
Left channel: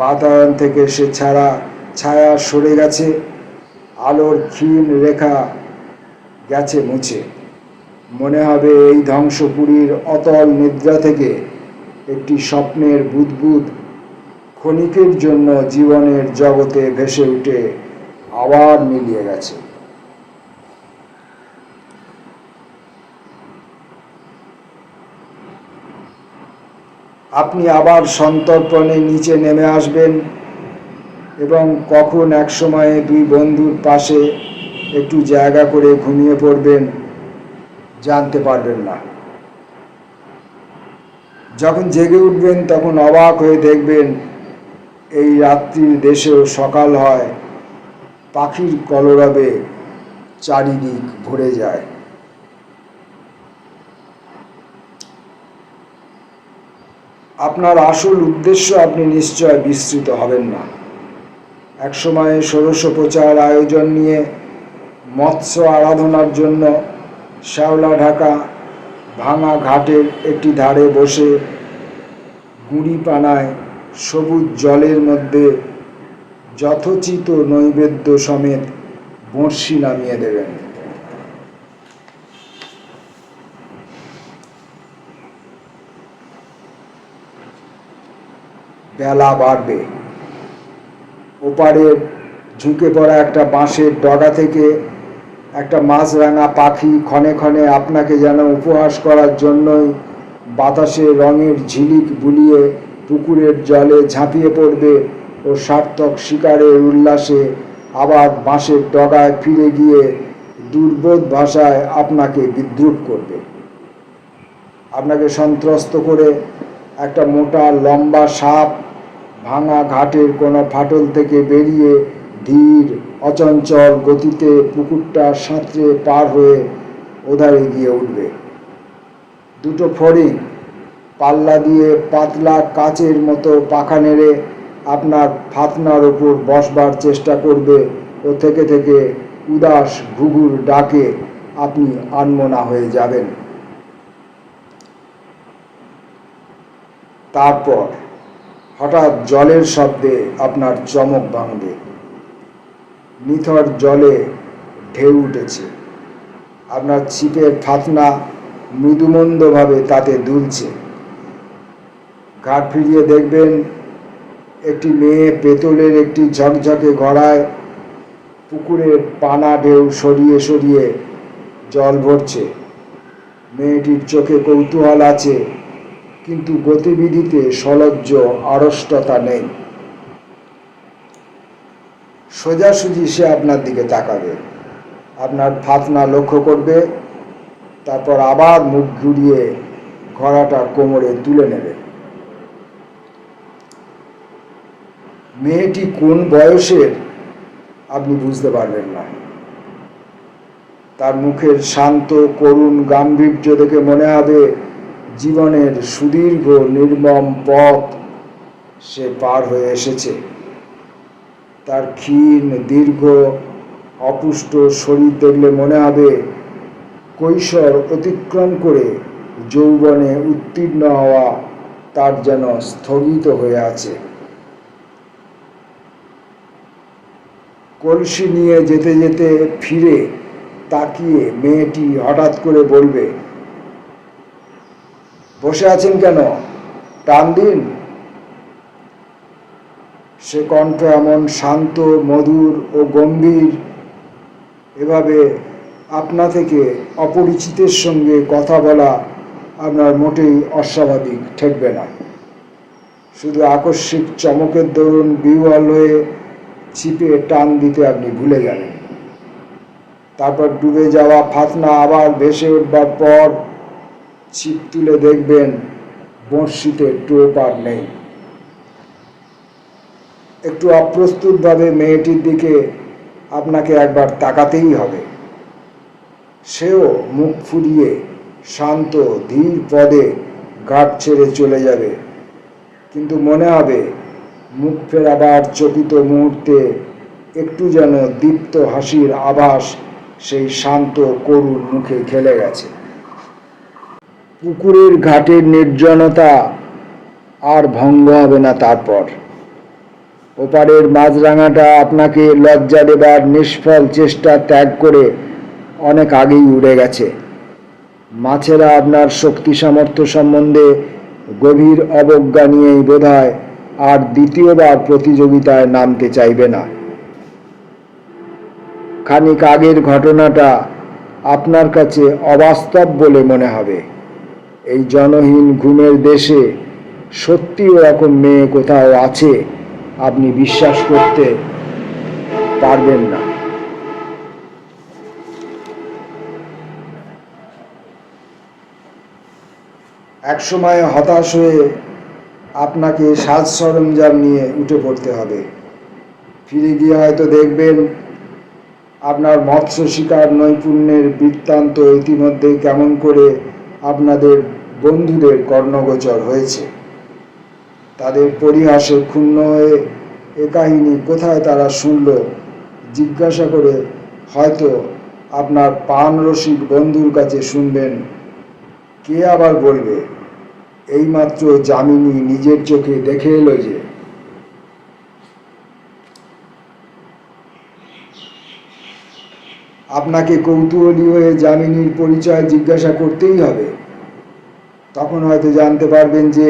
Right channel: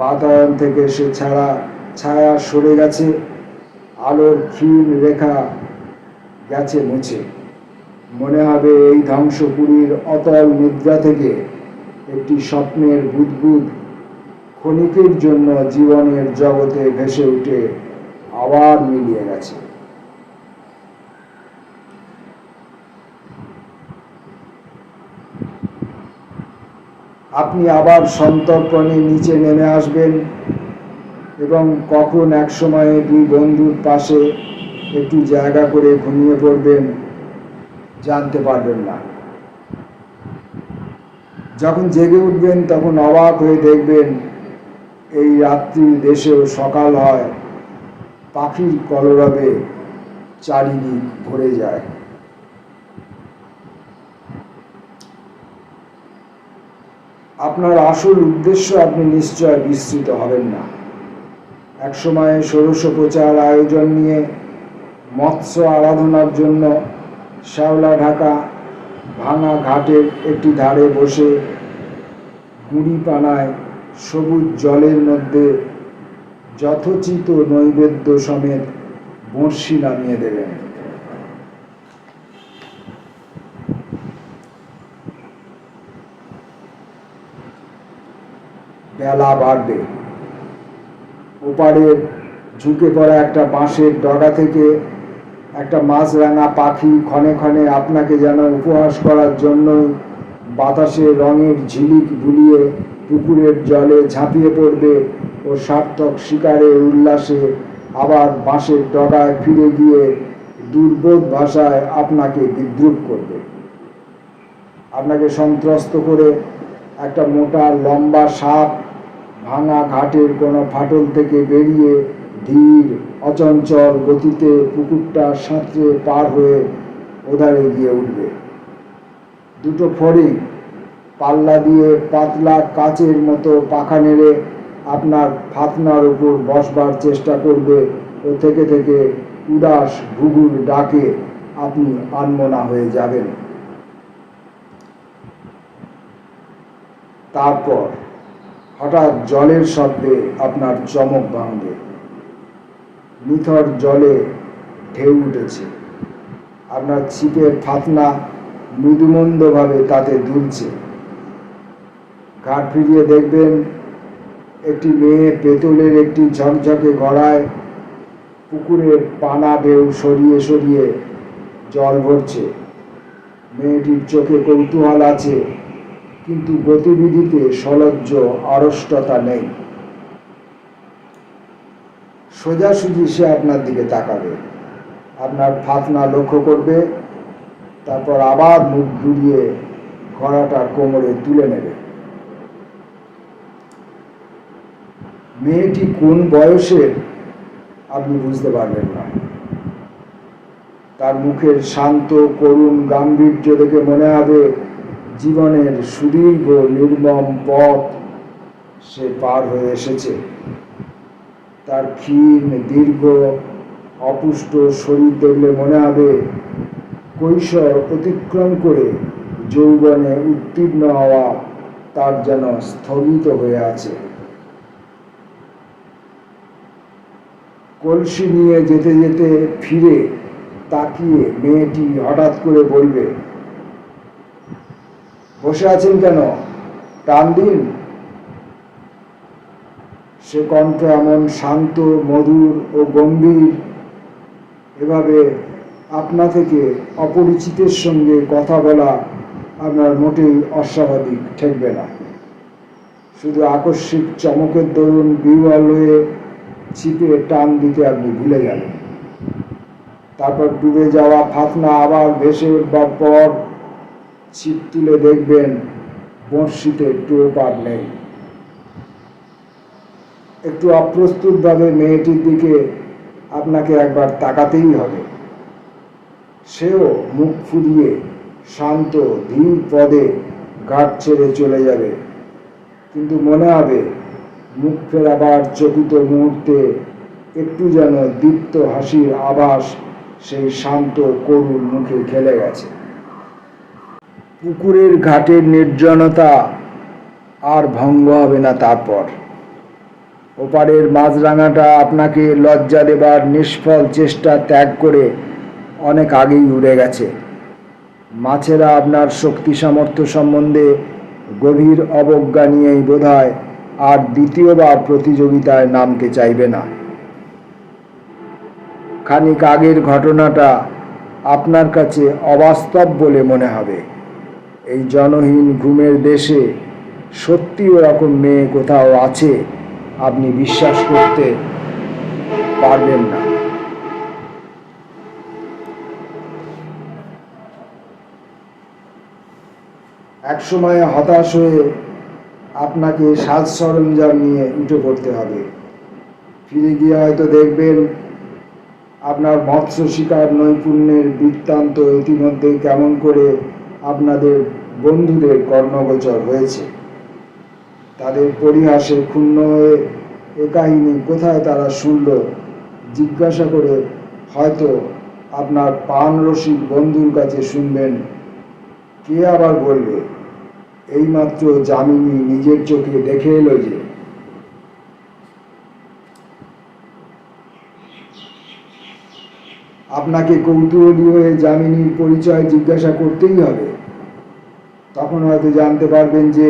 বাতায়ন থেকে সে ছায়া সরে গেছে, আলোর ক্ষীণ রেখা গেছে মুছে। মনে হবে এই ধ্বংসপুরীর অতল নিদ্রা থেকে একটি স্বপ্নের বুদবুদ ক্ষণিকের জন্য জীবনের জগতে ভেসে উঠে আবার মিলিয়ে গেছে। আপনি আবার সন্তর্পণে নিচে নেমে আসবেন এবং কখন এক সময়ে দুই বন্ধুর পাশে একটু জায়গা করে ঘুমিয়ে পড়বেন জানতে পারবেন না। যখন জেগে উঠবেন তখন অবাক হয়ে দেখবেন এই রাত্রির দেশেও সকাল হয়, পাখির কলরবে চারিদিক ভরে যায়। আপনার আসল উদ্দেশ্য আপনি নিশ্চয় বিস্মৃত হবেন না। একসময় ষোড়শোপচার আয়োজন নিয়ে মৎস্য আরাধনার জন্য শ্যাওলা ঢাকা ভাঙা ঘাটের একটি ধারে বসে গুঁড়ি পানায় সবুজ জলের মধ্যে যথোচিত নৈবেদ্য সমেত বঁড়শি নামিয়ে দেবেন। বেলা বাড়বে। ওপারে ঝুঁকে পড়া একটা বাঁশের ডগা থেকে একটা মাছরাঙা পাখি ক্ষণে ক্ষণে আপনাকে যেন উপহাস করার জন্যই বাতাসে রঙের ঝিলিক বুলিয়ে পুকুরের জলে ঝাঁপিয়ে পড়বে ও সার্থক শিকারের উল্লাসে আবার বাঁশের ডগায় ফিরে গিয়ে দুর্বোধ ভাষায় আপনাকে বিদ্রুপ করবে। আপনাকে সন্ত্রস্ত করে একটা মোটা লম্বা সাপ ভাঙা ঘাটের কোনো ফাটল থেকে বেরিয়ে ধীর অচঞ্চল গতিতে পুকুরটা সাঁতরে পার হয়ে ওধারে গিয়ে উঠবে। দুটো ফড়িং পাল্লা দিয়ে পাতলা কাচের মতো পাখা নেড়ে আপনার ফাতনার ওপর বসবার চেষ্টা করবে ও থেকে থেকে উদাস ঘুঘুর ডাকে আপনি আনমনা হয়ে যাবেন। তারপর হঠাৎ জলের শব্দে আপনার চমক ভাঙবে। নিথর জলে ঢেউ উঠেছে, আপনার ছিপের ফাতনা মৃদুমন্দভাবে তাতে দুলছে। ঘাট ফিরিয়ে দেখবেন একটি মেয়ে পেতলের একটি ঝকঝকে ঘড়ায় পুকুরের পানা ঢেউ সরিয়ে সরিয়ে জল ভরছে। মেয়েটির চোখে কৌতূহল আছে, কিন্তু গতিবিধিতে সলজ্জ আড়ষ্টতা নেই। সোজাসুজি সে আপনার দিকে তাকাবে, আপনার ফাতনা লক্ষ্য করবে, তারপর আবার মুখ ঘুরিয়ে ঘোড়াটা কোমরে তুলে নেবে। মেয়েটি কোন বয়সের আপনি বুঝতে পারবেন না। তার মুখের শান্ত করুণ গাম্ভীর্য দেখে মনে হবে জীবনের সুদীর্ঘ নির্মম পথ সে পার হয়ে এসেছে। তার ক্ষীণ দীর্ঘ অপুষ্ট শরীর দেখলে মনে হবে কৈশোর অতিক্রম করে যৌবনে উত্তীর্ণ হওয়া তার যেন স্থগিত হয়ে আছে। কলসি নিয়ে যেতে যেতে ফিরে তাকিয়ে মেয়েটি হঠাৎ করে বলবে, বসে আছেন কেন, টান দিন। সে কণ্ঠ এমন শান্ত, মধুর ও গম্ভীর, এভাবে আপনা থেকে অপরিচিতের সঙ্গে কথা বলা আপনার মোটেই অস্বাভাবিক ঠেকবে না। শুধু আকস্মিক চমকের দরুন বিহ্বল হয়ে ছিপে টান দিতে আপনি ভুলে গেলেন। তারপর ডুবে যাওয়া ফাতনা আবার ভেসে উঠবার পর ছিপ তুলে দেখবেন বঁড়শিতে টোপ আর নেই। একটু অপ্রস্তুতভাবে মেয়েটির দিকে আপনাকে একবার তাকাতেই হবে। সেও মুখ ফুরিয়ে শান্ত ধীর পদে ঘাট ছেড়ে চলে যাবে, কিন্তু মনে হবে মুখ ফেরাবার চকিত মুহূর্তে একটু যেন দীপ্ত হাসির আভাস সেই শান্ত করুণ মুখে খেলে গেছে। পুকুরের ঘাটের নির্জনতা আর ভঙ্গ হবে না। তারপর ওপারের মাছরাঙাটা আপনাকে লজ্জা দেবার নিষ্ফল চেষ্টা ত্যাগ করে অনেক আগেই উড়ে গেছে। মাছেরা আপনার শক্তি সামর্থ্য সম্বন্ধে গভীর অবজ্ঞা নিয়েই বোধহয় আর দ্বিতীয়বার প্রতিযোগিতায় নামতে চাইবে না। খানিক আগের ঘটনাটা আপনার কাছে অবাস্তব বলে মনে হবে। এই জনহীন ঘুমের দেশে সত্যি এরকম মেয়ে কোথাও আছে আপনি বিশ্বাস করতে পারবেন না। একসময় হতাশ হয়ে আপনাকে সাজ সরঞ্জাম নিয়ে উঠে পড়তে হবে। ফিরে গিয়ে হয়তো দেখবেন আপনার মৎস্য শিকার নৈপুণ্যের বৃত্তান্ত ইতিমধ্যে কেমন করে আপনাদের বন্ধুদের কর্ণগোচর হয়েছে। তাদের পরিহাসে ক্ষুণ্ণ হয়ে এ কাহিনী কোথায় তারা শুনল জিজ্ঞাসা করে হয়তো আপনার পান রসিক বন্ধুর কাছে শুনবেন। কে আবার বলবে এইমাত্র যামিনী নিজের চোখে দেখে এলো যে। আপনাকে কৌতূহলী হয়ে যামিনীর পরিচয় জিজ্ঞাসা করতেই হবে। তখন হয়তো জানতে পারবেন যে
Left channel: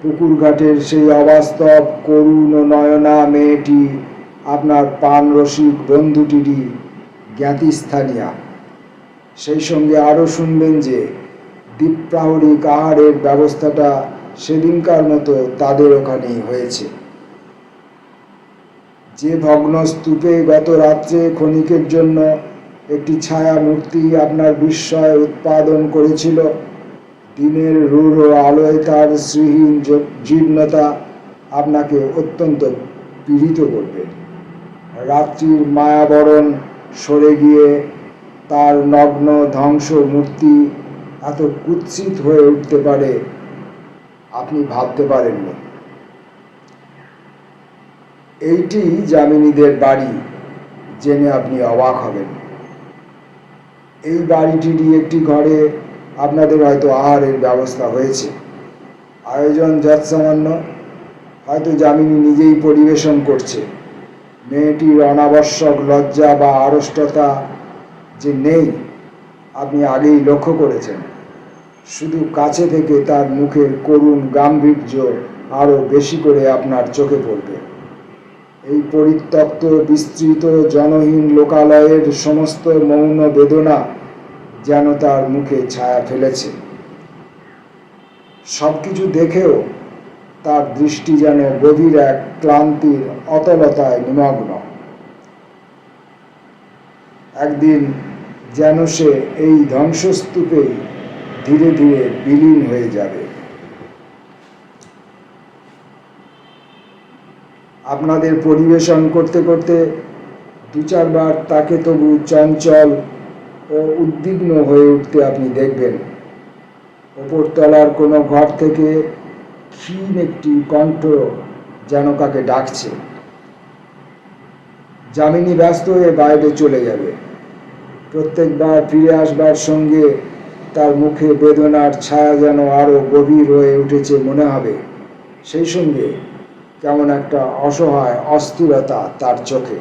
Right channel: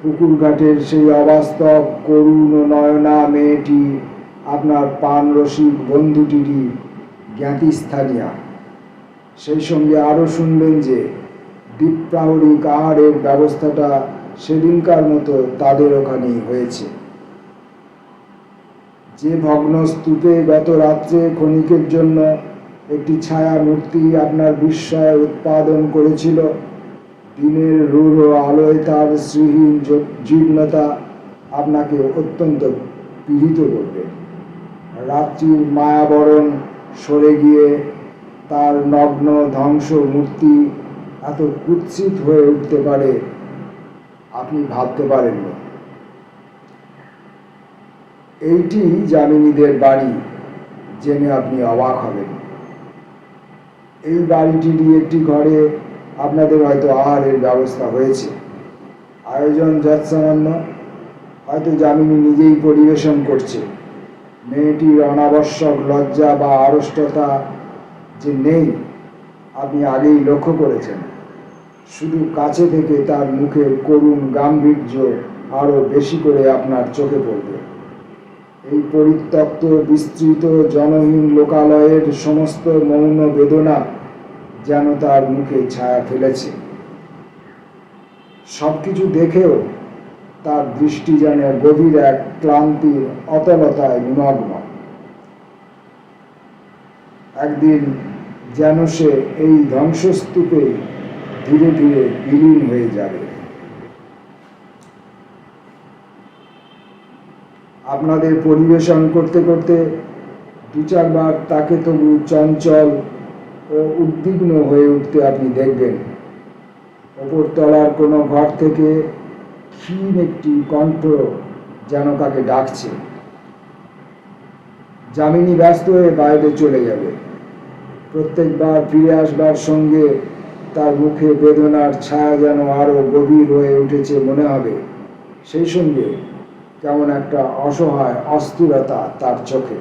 পুকুর ঘাটের সেই অবাস্তব করুণ ও নয়না মেয়েটি আপনার পান রসিক বন্ধুটিরই জ্ঞাতিস্থানীয়া। সেই সঙ্গে আরও শুনবেন যে দ্বীপ্রাহরিক আহারের ব্যবস্থাটা সেদিনকার মতো তাদের ওখানেই হয়েছে। যে ভগ্ন স্তূপে গত রাত্রে ক্ষণিকের জন্য একটি ছায়া মূর্তি আপনার বিস্ময় উৎপাদন করেছিল, দিনের রূঢ় আলোয় তার শ্রীহীন জীর্ণতা আপনাকে অত্যন্ত পীড়িত করবে। রাত্রির মায়াবরণ সরে গিয়ে তার নগ্ন ধ্বংস মূর্তি এত কুৎসিত হয়ে উঠতে পারে আপনি ভাবতে পারেননি। এইটি যামিনীদের বাড়ি জেনে আপনি অবাক হবেন। এই বাড়িটিরই একটি ঘরে আপনাদের হয়তো আহারের ব্যবস্থা হয়েছে। আয়োজন যৎসামান্য, হয়তো যামিনী নিজেই পরিবেশন করছে। মেয়েটির অনাবশ্যক লজ্জা বা আড়ষ্টতা যে নেই আপনি আগেই লক্ষ্য করেছেন। শুধু কাছে থেকে তার মুখের করুণ গাম্ভীর্য আরও বেশি করে আপনার চোখে পড়বে। এই পরিত্যক্ত বিস্তৃত জনহীন লোকালয়ের সমস্ত মৌন বেদনা যেন তার মুখে ছায়া ফেলেছে। সবকিছু দেখেও তার দৃষ্টি যেন গভীর এক ক্লান্তির অতলতায় নিমগ্ন। একদিন যেন সে এই ধ্বংসস্তূপে ধীরে ধীরে বিলীন হয়ে যাবে। আপনাদের পরিবেশন করতে করতে দু চারবার তাকে তবু চঞ্চল ও উদ্বিগ্ন হয়ে উঠতে আপনি দেখবেন। ওপরতলার কোনো ঘর থেকে ক্ষীণ একটি কণ্ঠ যেন তাকে ডাকছে। যামিনী ব্যস্ত হয়ে বাইরে চলে যাবে। প্রত্যেকবার ফিরে আসবার সঙ্গে তার মুখে বেদনার ছায়া যেন আরো গভীর হয়ে উঠেছে মনে হবে। সেই সঙ্গে কেমন একটা অসহায় অস্থিরতা তার চোখে।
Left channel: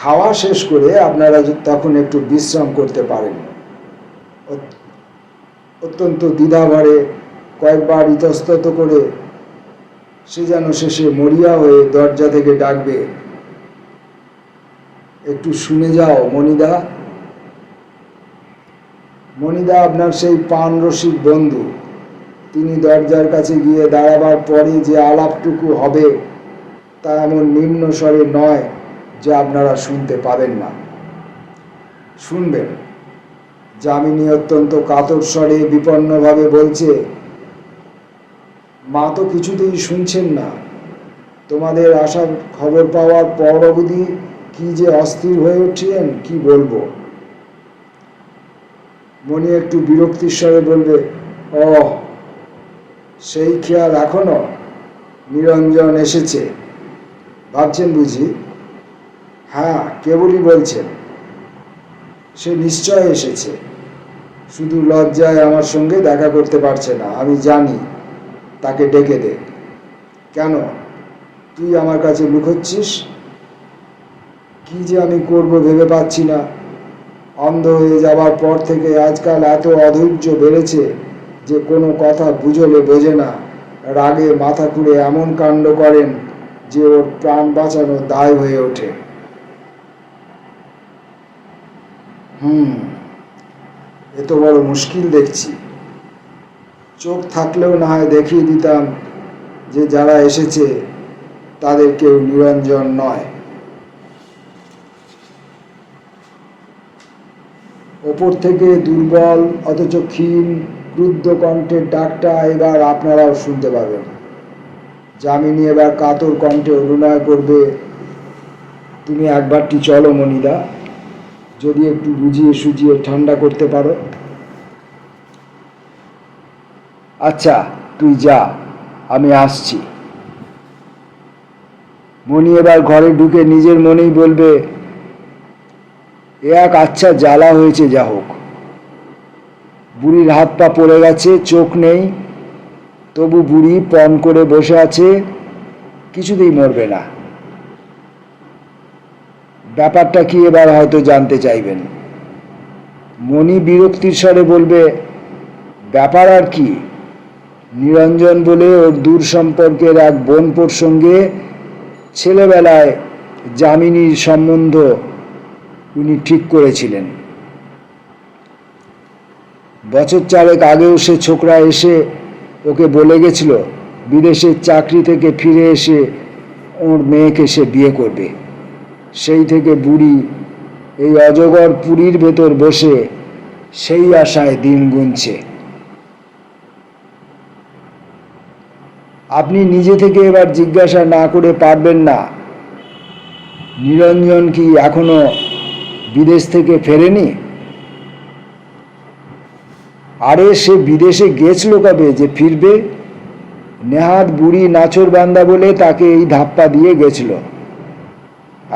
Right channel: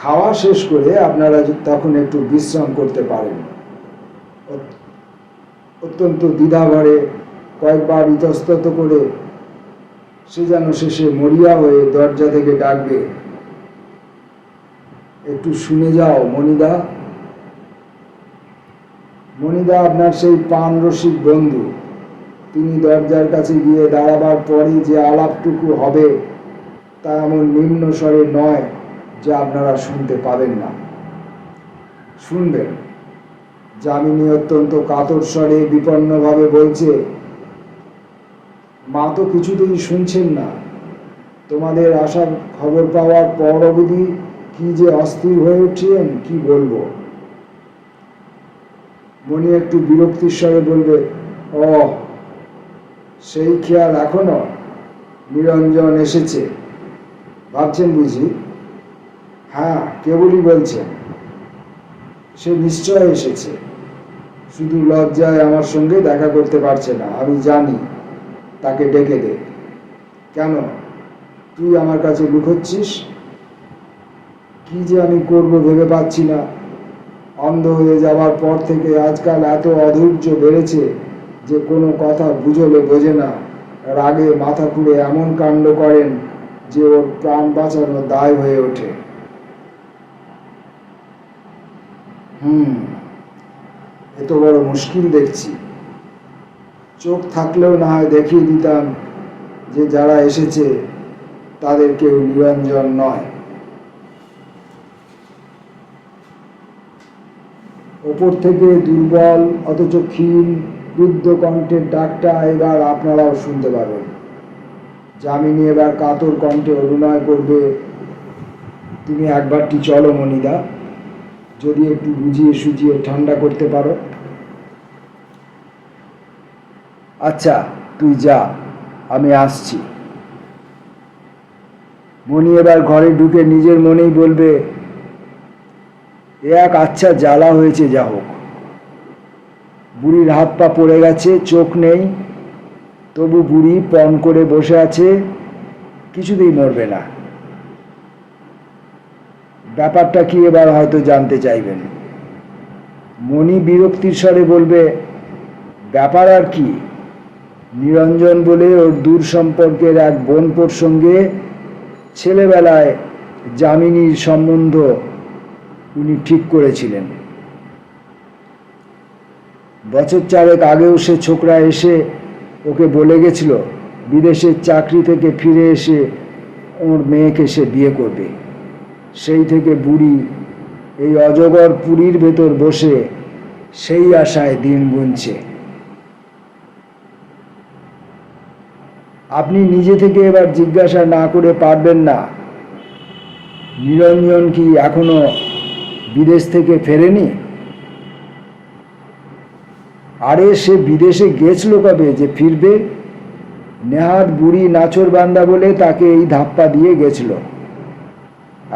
খাওয়া শেষ করে আপনারা তখন একটু বিশ্রাম করতে পারেন। অত্যন্ত দ্বিধাভরে কয়েকবার ইতস্তত করে সে যেন শেষে মরিয়া হয়ে দরজা থেকে ডাকবে, একটু শুনে যাও মণিদা। মণিদা আপনার সেই পান রসিক বন্ধু। তিনি দরজার কাছে গিয়ে দাঁড়াবার পরে যে আলাপটুকু হবে তা এমন নিম্ন স্বরে নয় যে আপনারা শুনতে পাবেন না। শুনবেন। যামিনী অত্যন্ত কাতর স্বরে বিপন্নভাবে বলছে, মা তো কিছুতেই শুনছেন না। তোমাদের আসার খবর পাওয়ার পর অবধি কি যে অস্থির হয়ে উঠছিলেন কি বলবো। মণি একটু বিরক্তির স্বরে বলবে, ও সেই খেয়াল এখনো? নিরঞ্জন এসেছে ভাবছেন বুঝি? হ্যাঁ, কেবলই বলছেন। সে নিশ্চয় এসেছে, শুধু লজ্জায় আমার সঙ্গে দেখা করতে পারছে না। আমি জানি, তাকে ডেকে দে। কেন, তুই আমার কাছে লুকোচ্ছিস? কি যে আমি করব ভেবে পাচ্ছি না। অন্ধ হয়ে যাবার পর থেকে আজকাল এত অধৈর্য বেড়েছে যে কোনো কথা বুঝলে বোঝে না। রাগে মাথা খুঁড়ে এমন কাণ্ড করেন যে ওর প্রাণ বাঁচানো দায় হয়ে ওঠে। এত বড় মুশকিল দেখছি। চোখ থাকলেও না হয় দেখিয়ে দিতাম যে যারা এসেছে তাদের কেউ নিরঞ্জন নয়। ওপর থেকে দুর্বল অথচ ক্ষীণ রুদ্ধ কণ্ঠের ডাকটা এবার আপনারাও শুনতে পাবেন। যামিনী এবার কাতর কণ্ঠে অভিনয় করবে, তুমি একবারটি চলো মণিদা, যদি একটু বুঝিয়ে সুঝিয়ে ঠান্ডা করতে পারো। আচ্ছা, তুই যা, আমি আসছি। মণি এবার ঘরে ঢুকে নিজের মনেই বলবে, এ এক আচ্ছা জ্বালা হয়েছে যা হোক। বুড়ির হাত পা পড়ে গেছে, চোখ নেই, তবু বুড়ি পণ করে বসে আছে, কিছুতেই মরবে না। ব্যাপারটা কি এবার হয়তো জানতে চাইবেন। মণি বিরক্তির স্বরে বলবে, ব্যাপার আর কি? নিরঞ্জন বলে ওর দূর সম্পর্কের এক বোনপোর সঙ্গে ছেলেবেলায় যামিনীর সম্বন্ধ উনি ঠিক করেছিলেন। বছর চারেক আগেও সে ছোকরা এসে ওকে বলে গেছিল বিদেশের চাকরি থেকে ফিরে এসে ওর মেয়েকে সে বিয়ে করবে। সেই থেকে বুড়ি এই অজগর পুরীর ভেতর বসে সেই আশায় দিন গুনছে। আপনি নিজে থেকে এবার জিজ্ঞাসা না করে পারবেন না নিরঞ্জন কি এখনো বিদেশ থেকে ফেরেনি? আরে সে বিদেশে গেছিল কবে যে ফিরবে? নেহাত বুড়ি নাচর বান্দা বলে তাকে এই ধাপ্পা দিয়ে গেছিল।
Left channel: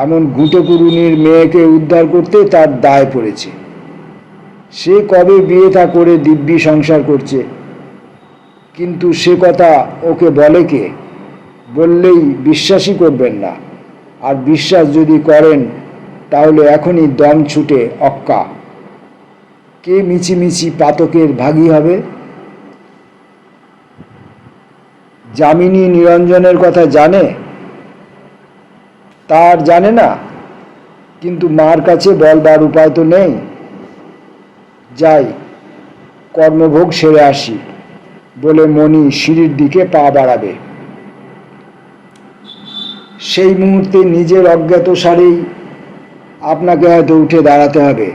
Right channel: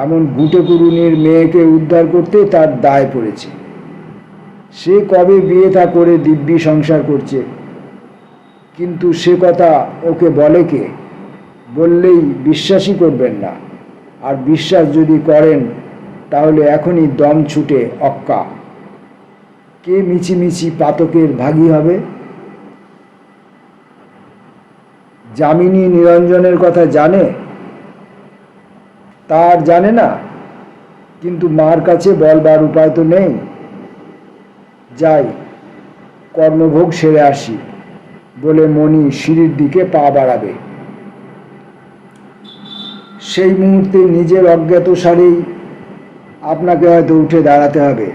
এমন গুটে কুরুনির মেয়েকে উদ্ধার করতে তার দায় পড়েছে। সে কবে বিয়ে থা করে দিব্যি সংসার করছে, কিন্তু সে কথা ওকে বলে কে? বললেই বিশ্বাসই করবেন না। আর বিশ্বাস যদি করেন তাহলে এখনই দম ছুটে অক্কা। কে মিছিমিছি পাতকের ভাগী হবে? যামিনী নিরঞ্জনের কথা জানে? তার জানে না, কিন্তু মার কাছে বলবার উপায় তো নেই। যাই, কর্মভোগ সেরে আসি বলে মণি সিঁড়ির দিকে পা বাড়াবে। সেই মুহূর্তে নিজের অজ্ঞাত সারেই আপনাকে হয়তো উঠে দাঁড়াতে হবে।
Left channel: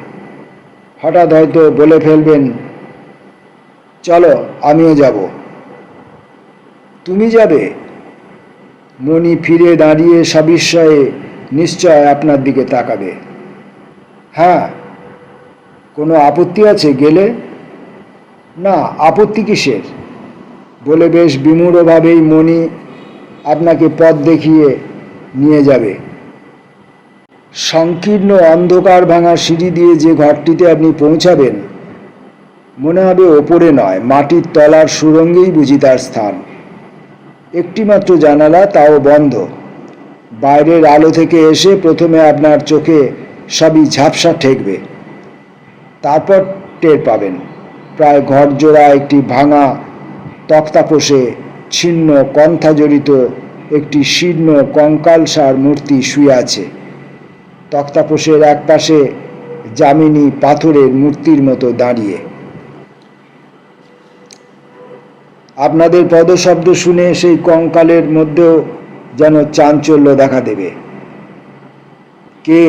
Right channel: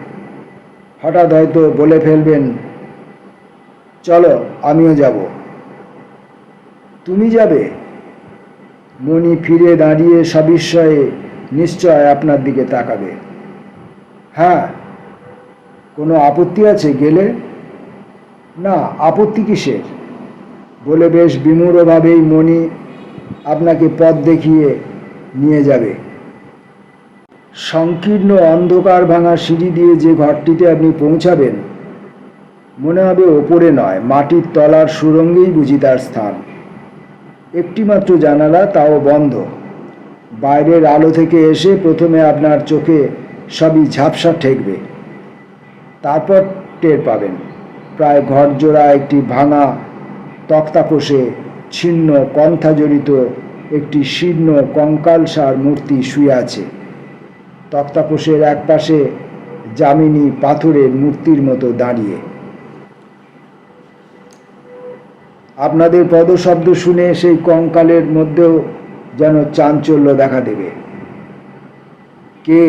হঠাৎ হয়তো বলে ফেলবেন, চলো আমিও যাব। তুমি যাবে? মণি ফিরে দাঁড়িয়ে সবিস্ময়ে নিশ্চয় আপনার দিকে তাকাবে। হ্যাঁ, কোনো আপত্তি আছে গেলে? না, আপত্তি কিসের? বলে বেশ বিমূঢ়ভাবেই মণি আপনাকে পথ দেখিয়ে নিয়ে যাবে। সংকীর্ণ অন্ধকার ভাঙা সিঁড়ি দিয়ে যে ঘরটিতে আপনি পৌঁছাবেন, মনে হবে ওপরে নয়, মাটির তলার সুড়ঙ্গেই বুঝি তার স্থান। একটিমাত্র জানালা, তাও বন্ধ। বাইরের আলো থেকে এসে প্রথমে আপনার চোখে সবই ঝাপসা ঠেকবে, তারপর টের পাবেন প্রায় ঘরজোড়া একটি ভাঙা তক্তাপোষে ছিন্ন কণ্ঠাজড়িত একটি শীর্ণ কঙ্কালসার মূর্তি শুয়ে আছে। তক্তাপোষের একপাশে যামিনী পাথরের মূর্তির মতো দাঁড়িয়ে। আপনাদের পদশব্দ শুনে সেই কঙ্কালের মধ্যেও যেন চাঞ্চল্য দেখা দেবে। কে?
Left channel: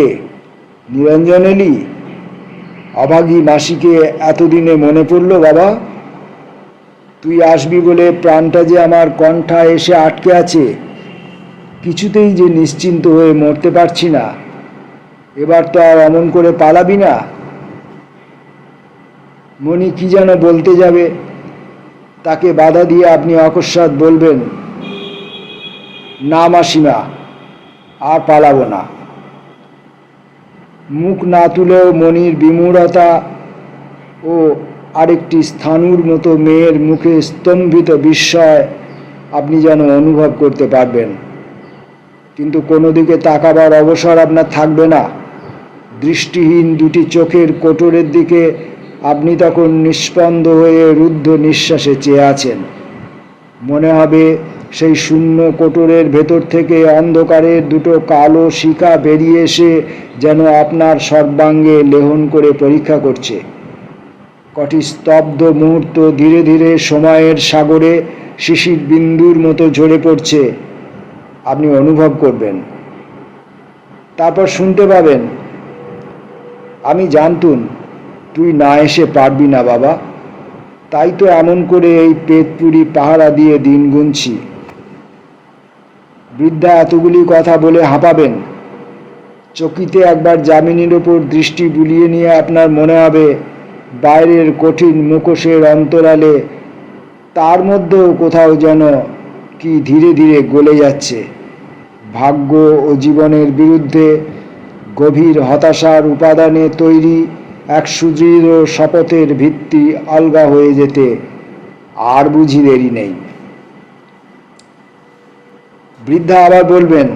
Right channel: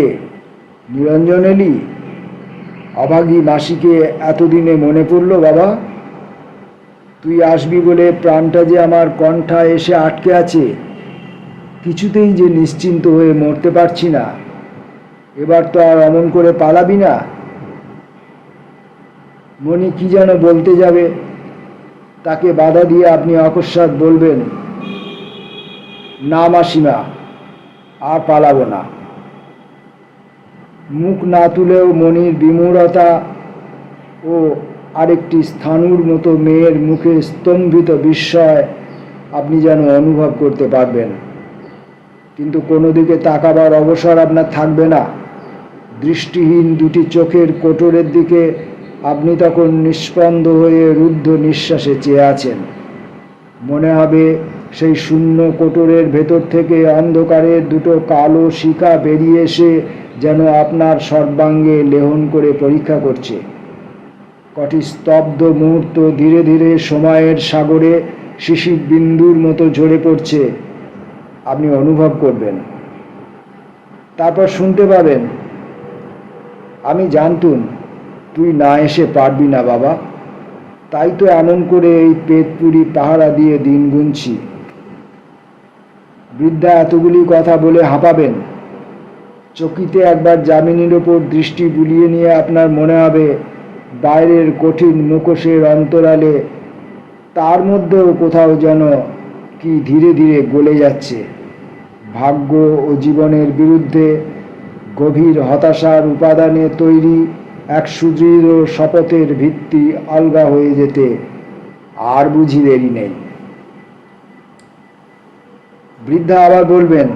নিরঞ্জন এলি? অভাগী মাসিকে এতদিনে মনে পড়ল বাবা? তুই আসবি বলে প্রাণটা যে আমার কণ্ঠা এসে আটকে আছে, কিছুতেই যে নিশ্চিন্ত হয়ে মরতে পারছি না। এবার তো আর অমন করে পালাবি না? মণি কি যেন বলতে যাবে, তাকে বাধা দিয়ে আপনি অকস্মাৎ বলবেন, না মাসিমা, আর পালাবো না। মুখ না তুলেও মণির বিমূঢ়তা ও আরেকটি স্থাণুর মতো মেয়ের মুখে স্তম্ভিত বিস্ময় আপনি যেন অনুভব করতে পারবেন। কিন্তু কোনো দিকে তাকাবার অবসর আপনার থাকবে না। দৃষ্টিহীন দুটি চোখের কোটরের দিকে আপনি তখন নিস্পন্দ হয়ে রুদ্ধ নিঃশ্বাসে চেয়ে আছেন। মনে হবে সেই শূন্য কোটরের ভেতর থেকে অন্ধকারের দুটো কালো শিখা বেরিয়ে এসে যেন আপনার সর্বাঙ্গে লেহন করে পরীক্ষা করছে। কটি স্তব্ধ মুহূর্ত ধীরে ধীরে সময়ের সাগরে শিশির বিন্দুর মতো ঝরে পড়ছে, আপনি অনুভব করবেন। তারপর শুনতে পাবেন, আমি জানতুম তুই না এসে পারবি না বাবা, তাই তো এমন করে এই পেটপুরি পাহারা দিয়ে দিন গুনছি। বৃদ্ধা এতগুলি কথা বলে হাঁপাবেন। চকিতে একবার যামিনীর ওপর দৃষ্টি বুলিয়ে নিয়ে আপনার মনে হবে বাইরের কঠিন মুখোশের অন্তরালে তার মধ্যেও কোথাও যেন কি ধীরে ধীরে গলে যাচ্ছে। ভাগ্য ও জীবনের বিরুদ্ধে গভীর হতাশার উপাদানে তৈরি এক সুদৃঢ় শপথের ভিত্তি আলগা হয়ে যেতে আর বুঝি দেরি নেই। বৃদ্ধা আবার বলবেন,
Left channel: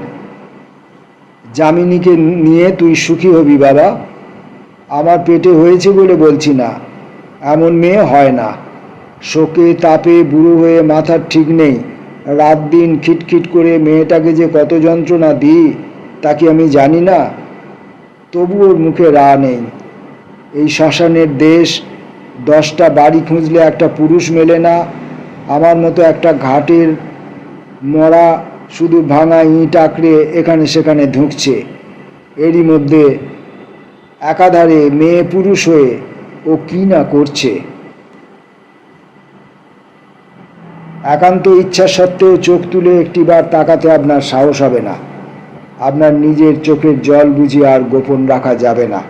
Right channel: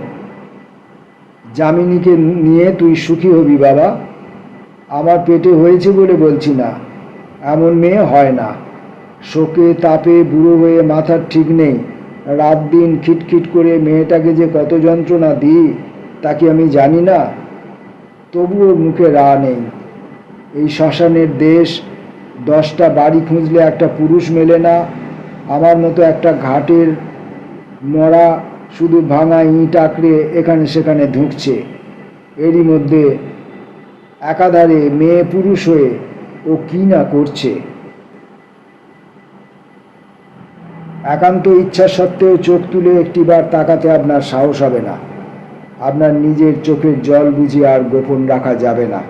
যামিনীকে নিয়ে তুই সুখী হবি বাবা। আমার পেটে হয়েছে বলে বলছি না, এমন মেয়ে হয় না। শোকে তাপে বুড়ো হয়ে মাথার ঠিক নেই, রাত দিন খিটখিট করে মেয়েটাকে যে কত যন্ত্রণা দিই তা কি আমি জানি না? তবু ওর মুখে রা নেই। এই শ্মশানের দেশ, 10টা বাড়ি খুঁজলে একটা পুরুষ মেলে না। আমার মতো একটা ঘাটের মরা শুধু ভাঙা ইঁট আঁকড়ে এখানে সেখানে ধুঁকছে। এরই মধ্যে একাধারে মেয়ে পুরুষ হয়ে ও কি না করছে। একান্ত ইচ্ছা সত্ত্বেও চোখ তুলে একটিবার তাকাতে আপনার সাহস হবে না। আপনার নিজের চোখের জল বুঝি আর গোপন রাখা যাবে না।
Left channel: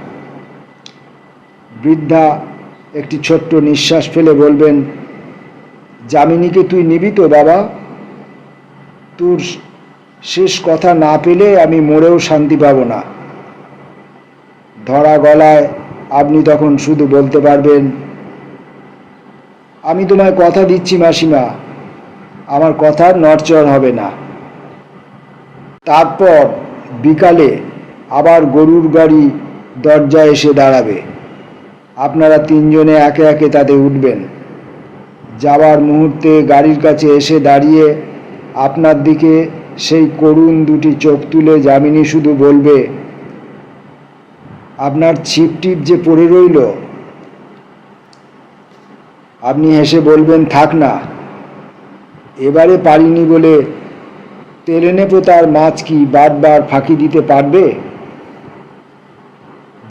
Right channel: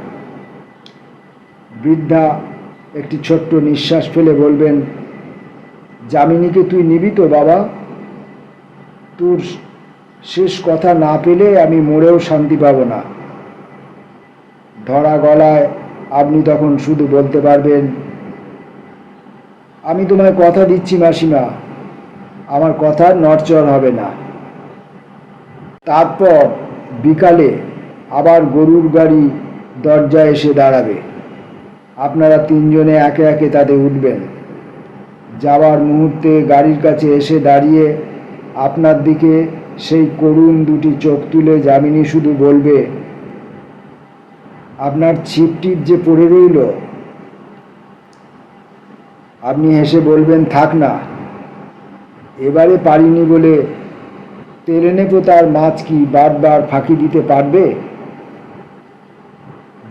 বৃদ্ধা একটি ছোট্ট নিঃশ্বাস ফেলে বলবেন, যামিনীকে তুই নিবি তো বাবা? তোর শেষ কথা না পেলে আমি মরেও শান্তি পাব না। ধরা গলায় আপনি তখন শুধু বলতে পারবেন, আমি তোমায় কথা দিচ্ছি মাসিমা, আমার কথার নড়চড় হবে না। তারপর বিকালে আবার গরুর গাড়ি দরজায় এসে দাঁড়াবে। আপনারা 3 জনে একে একে তাতে উঠবেন। যাওয়ার মুহূর্তে গাড়ির কাছে এসে দাঁড়িয়ে আপনার দিকে সেই করুণ দুটি চোখ তুলে যামিনী শুধু বলবে, আপনার ছিপ টিপ যে পড়ে রইল। আপনি হেসে বলবেন, থাক না, এবারে পারিনি বলে তেলেনে পোতার মাছ কি বারবার ফাঁকি দিতে পারবে?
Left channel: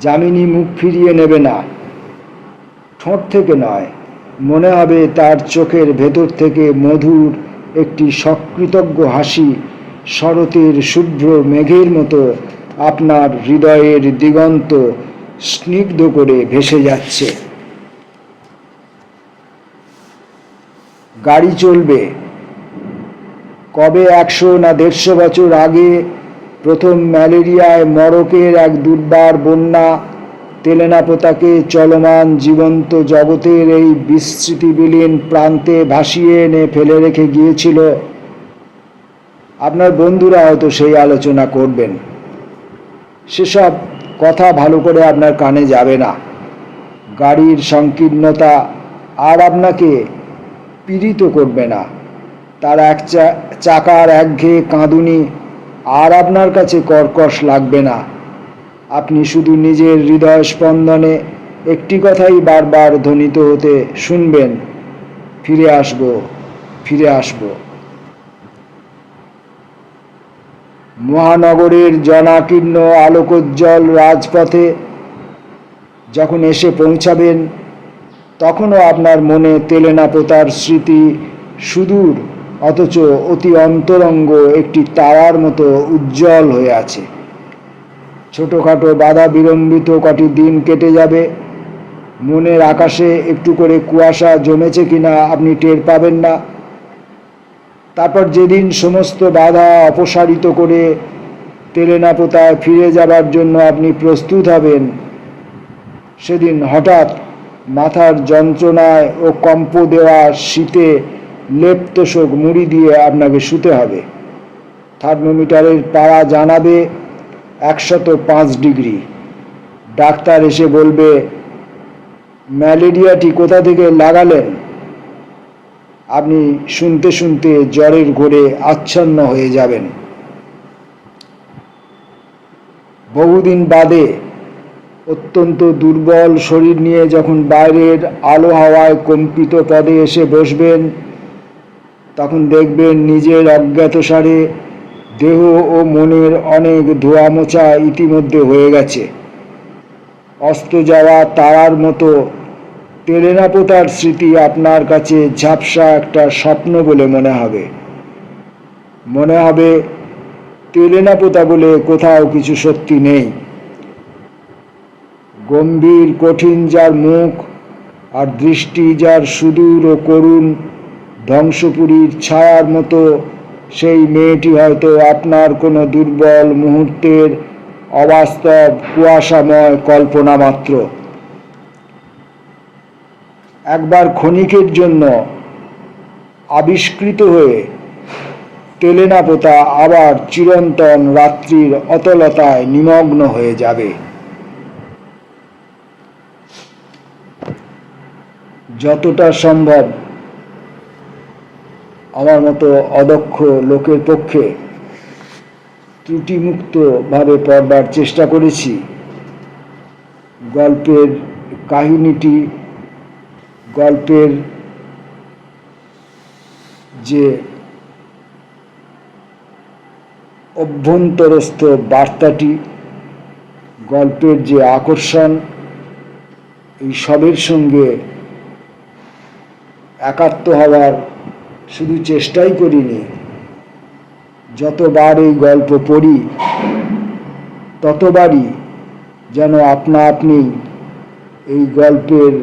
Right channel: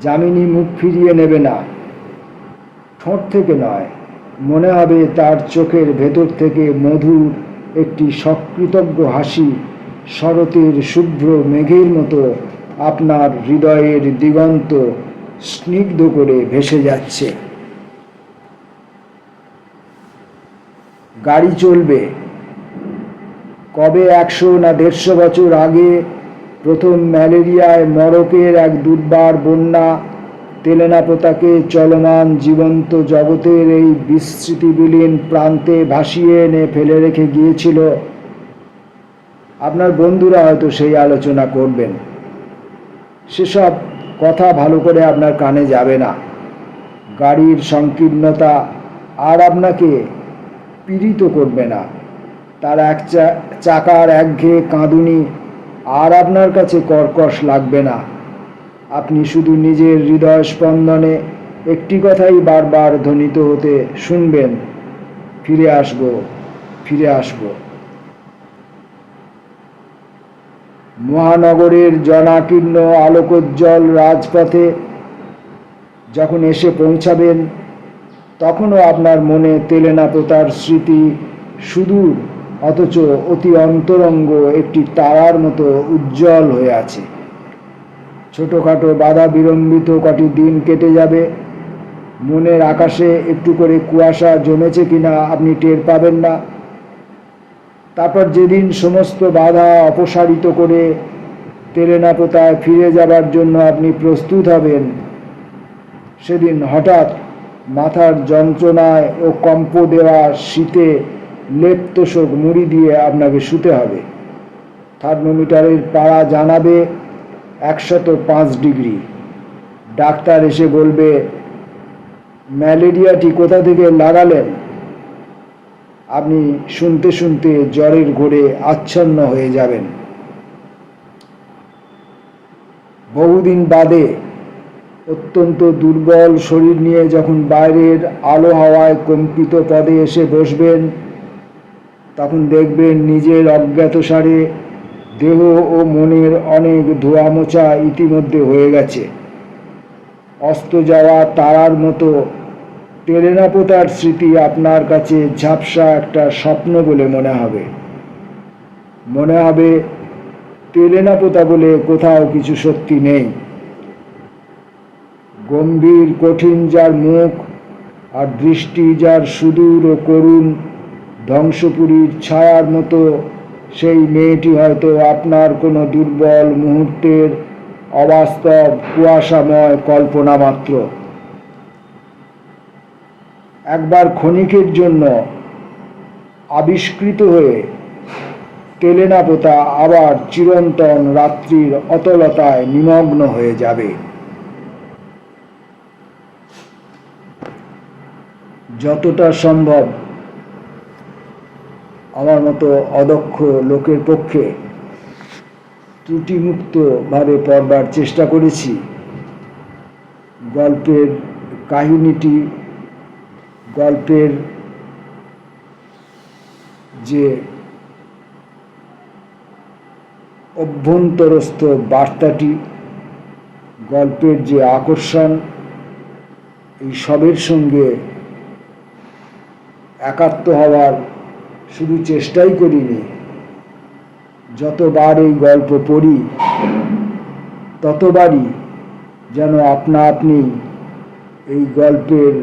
যামিনী মুখ ফিরিয়ে নেবে না, ঠোঁট থেকে নয়, মনে হবে তার চোখের ভেতর থেকে মধুর একটি সকৃতজ্ঞ হাসি শরতের শুভ্র মেঘের মতো আপনার হৃদয়ের দিগন্ত স্নিগ্ধ করে ভেসে যাচ্ছে। গাড়ি চলবে। কবে 100 না 150 বছর আগে প্রথম ম্যালেরিয়ায় মড়কের এক দুর্বার বন্যা তেলেনাপোতাকে চলমান জীবন্ত জগতের এই বিস্মৃতিবিলীন প্রান্তে ভাসিয়ে এনে ফেলে রেখে গিয়েছিল। আপনার বন্ধুরা হয়তো সেই আলোচনা করবেন। সেসব কথা ভালো করে আপনার কানে যাবে না। গাড়ির সংকীর্ণতা আর আপনাকে পীড়িত করবে না। তার এক চাকার একঘেয়ে কাঁদুনি আর আপনার কাছে কর্কশ লাগবে না। আপনি শুধু নিজের হৃদয় স্পন্দনে একটি কথাই বারবার ধ্বনিত হতে শুনবেন, ফিরে আসব, ফিরে আসব। মহানগরের জনাকীর্ণ আলোকোজ্জ্বল রাজপথে যখন এসে পৌঁছাবেন, তখনও আপনার মনে তেলেনাপোতার স্মৃতি সুদূর অথচ অতি অন্তরঙ্গ একটি তারার মতো উজ্জ্বল হয়ে আছে। ছোটোখাটো বাধা বিলম্বিত কটি দিন কেটে যাবে। মনের আকাশে একটু করে কুয়াশা জমেছে কিনা আপনি টের পাবেন না। তারপর যেদিন সমস্ত বাধা অপসারিত করে তেলেনাপোতায় ফিরে যাবার জন্য আপনি প্রস্তুত হবেন, সেদিন হঠাৎ মাথার যন্ত্রণায় ও কম্প দেওয়া শীতে লেপতোষক মুড়ি দিয়ে আপনাকে শুতে হবে। থার্মোমিটারের পারা জানাবে 105 ডিগ্রি। ডাক্তার এসে বলবে, ম্যালেরিয়াটি কোথা থেকে লাগালেন? আপনি শুনতে শুনতে জ্বরের ঘোরে আচ্ছন্ন হয়ে যাবেন। বহুদিন বাদে অত্যন্ত দুর্বল শরীর নিয়ে যখন বাইরের আলো হাওয়ায় কম্পিত পদে এসে বসবেন, তখন দেখবেন নিজের অজ্ঞাতসারে দেহ ও মনের অনেক ধোয়া মোছা ইতিমধ্যে হয়ে গেছে। অস্ত যাওয়া তারার মতো তেলেনাপোতার স্মৃতি আপনার কাছে ঝাপসা একটা স্বপ্ন বলে মনে হবে। মনে হবে তেলেনাপোতা বলে কোথাও কিছু সত্যি নেই। গম্ভীর কঠিন যার মুখ আর দৃষ্টি যার সুদূর ও করুণ, ধ্বংসপুরীর ছায়ার মতো সেই মেয়েটি হয়তো আপনার কোনো দুর্বল মুহূর্তের অবাস্তব কুয়াশাময় কল্পনা মাত্র। একবার ক্ষণিকের জন্য আবিষ্কৃত হয়ে তেলেনাপোতা আবার চিরন্তন রাত্রির অতলতায় নিমগ্ন হয়ে যাবে। যতটা সম্ভব আমার মতো অদক্ষ লোকের পক্ষে ত্রুটিমুক্তভাবে পড়বার চেষ্টা করেছি। গল্পের কাহিনীটি, গল্পের যে অভ্যন্তরস্থ বার্তাটি, গল্পের যে আকর্ষণ, এই সবের সঙ্গে একাত্ম হওয়ার শুধু চেষ্টাই করিনি, যতবার এই গল্প পড়ি ততবারই যেন আপনা আপনি এই গল্পের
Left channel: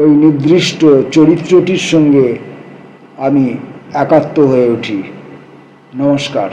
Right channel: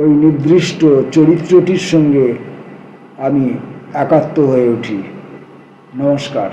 ওই নির্দিষ্ট চরিত্রটির সঙ্গে আমি একাত্ম হয়ে উঠি। নমস্কার।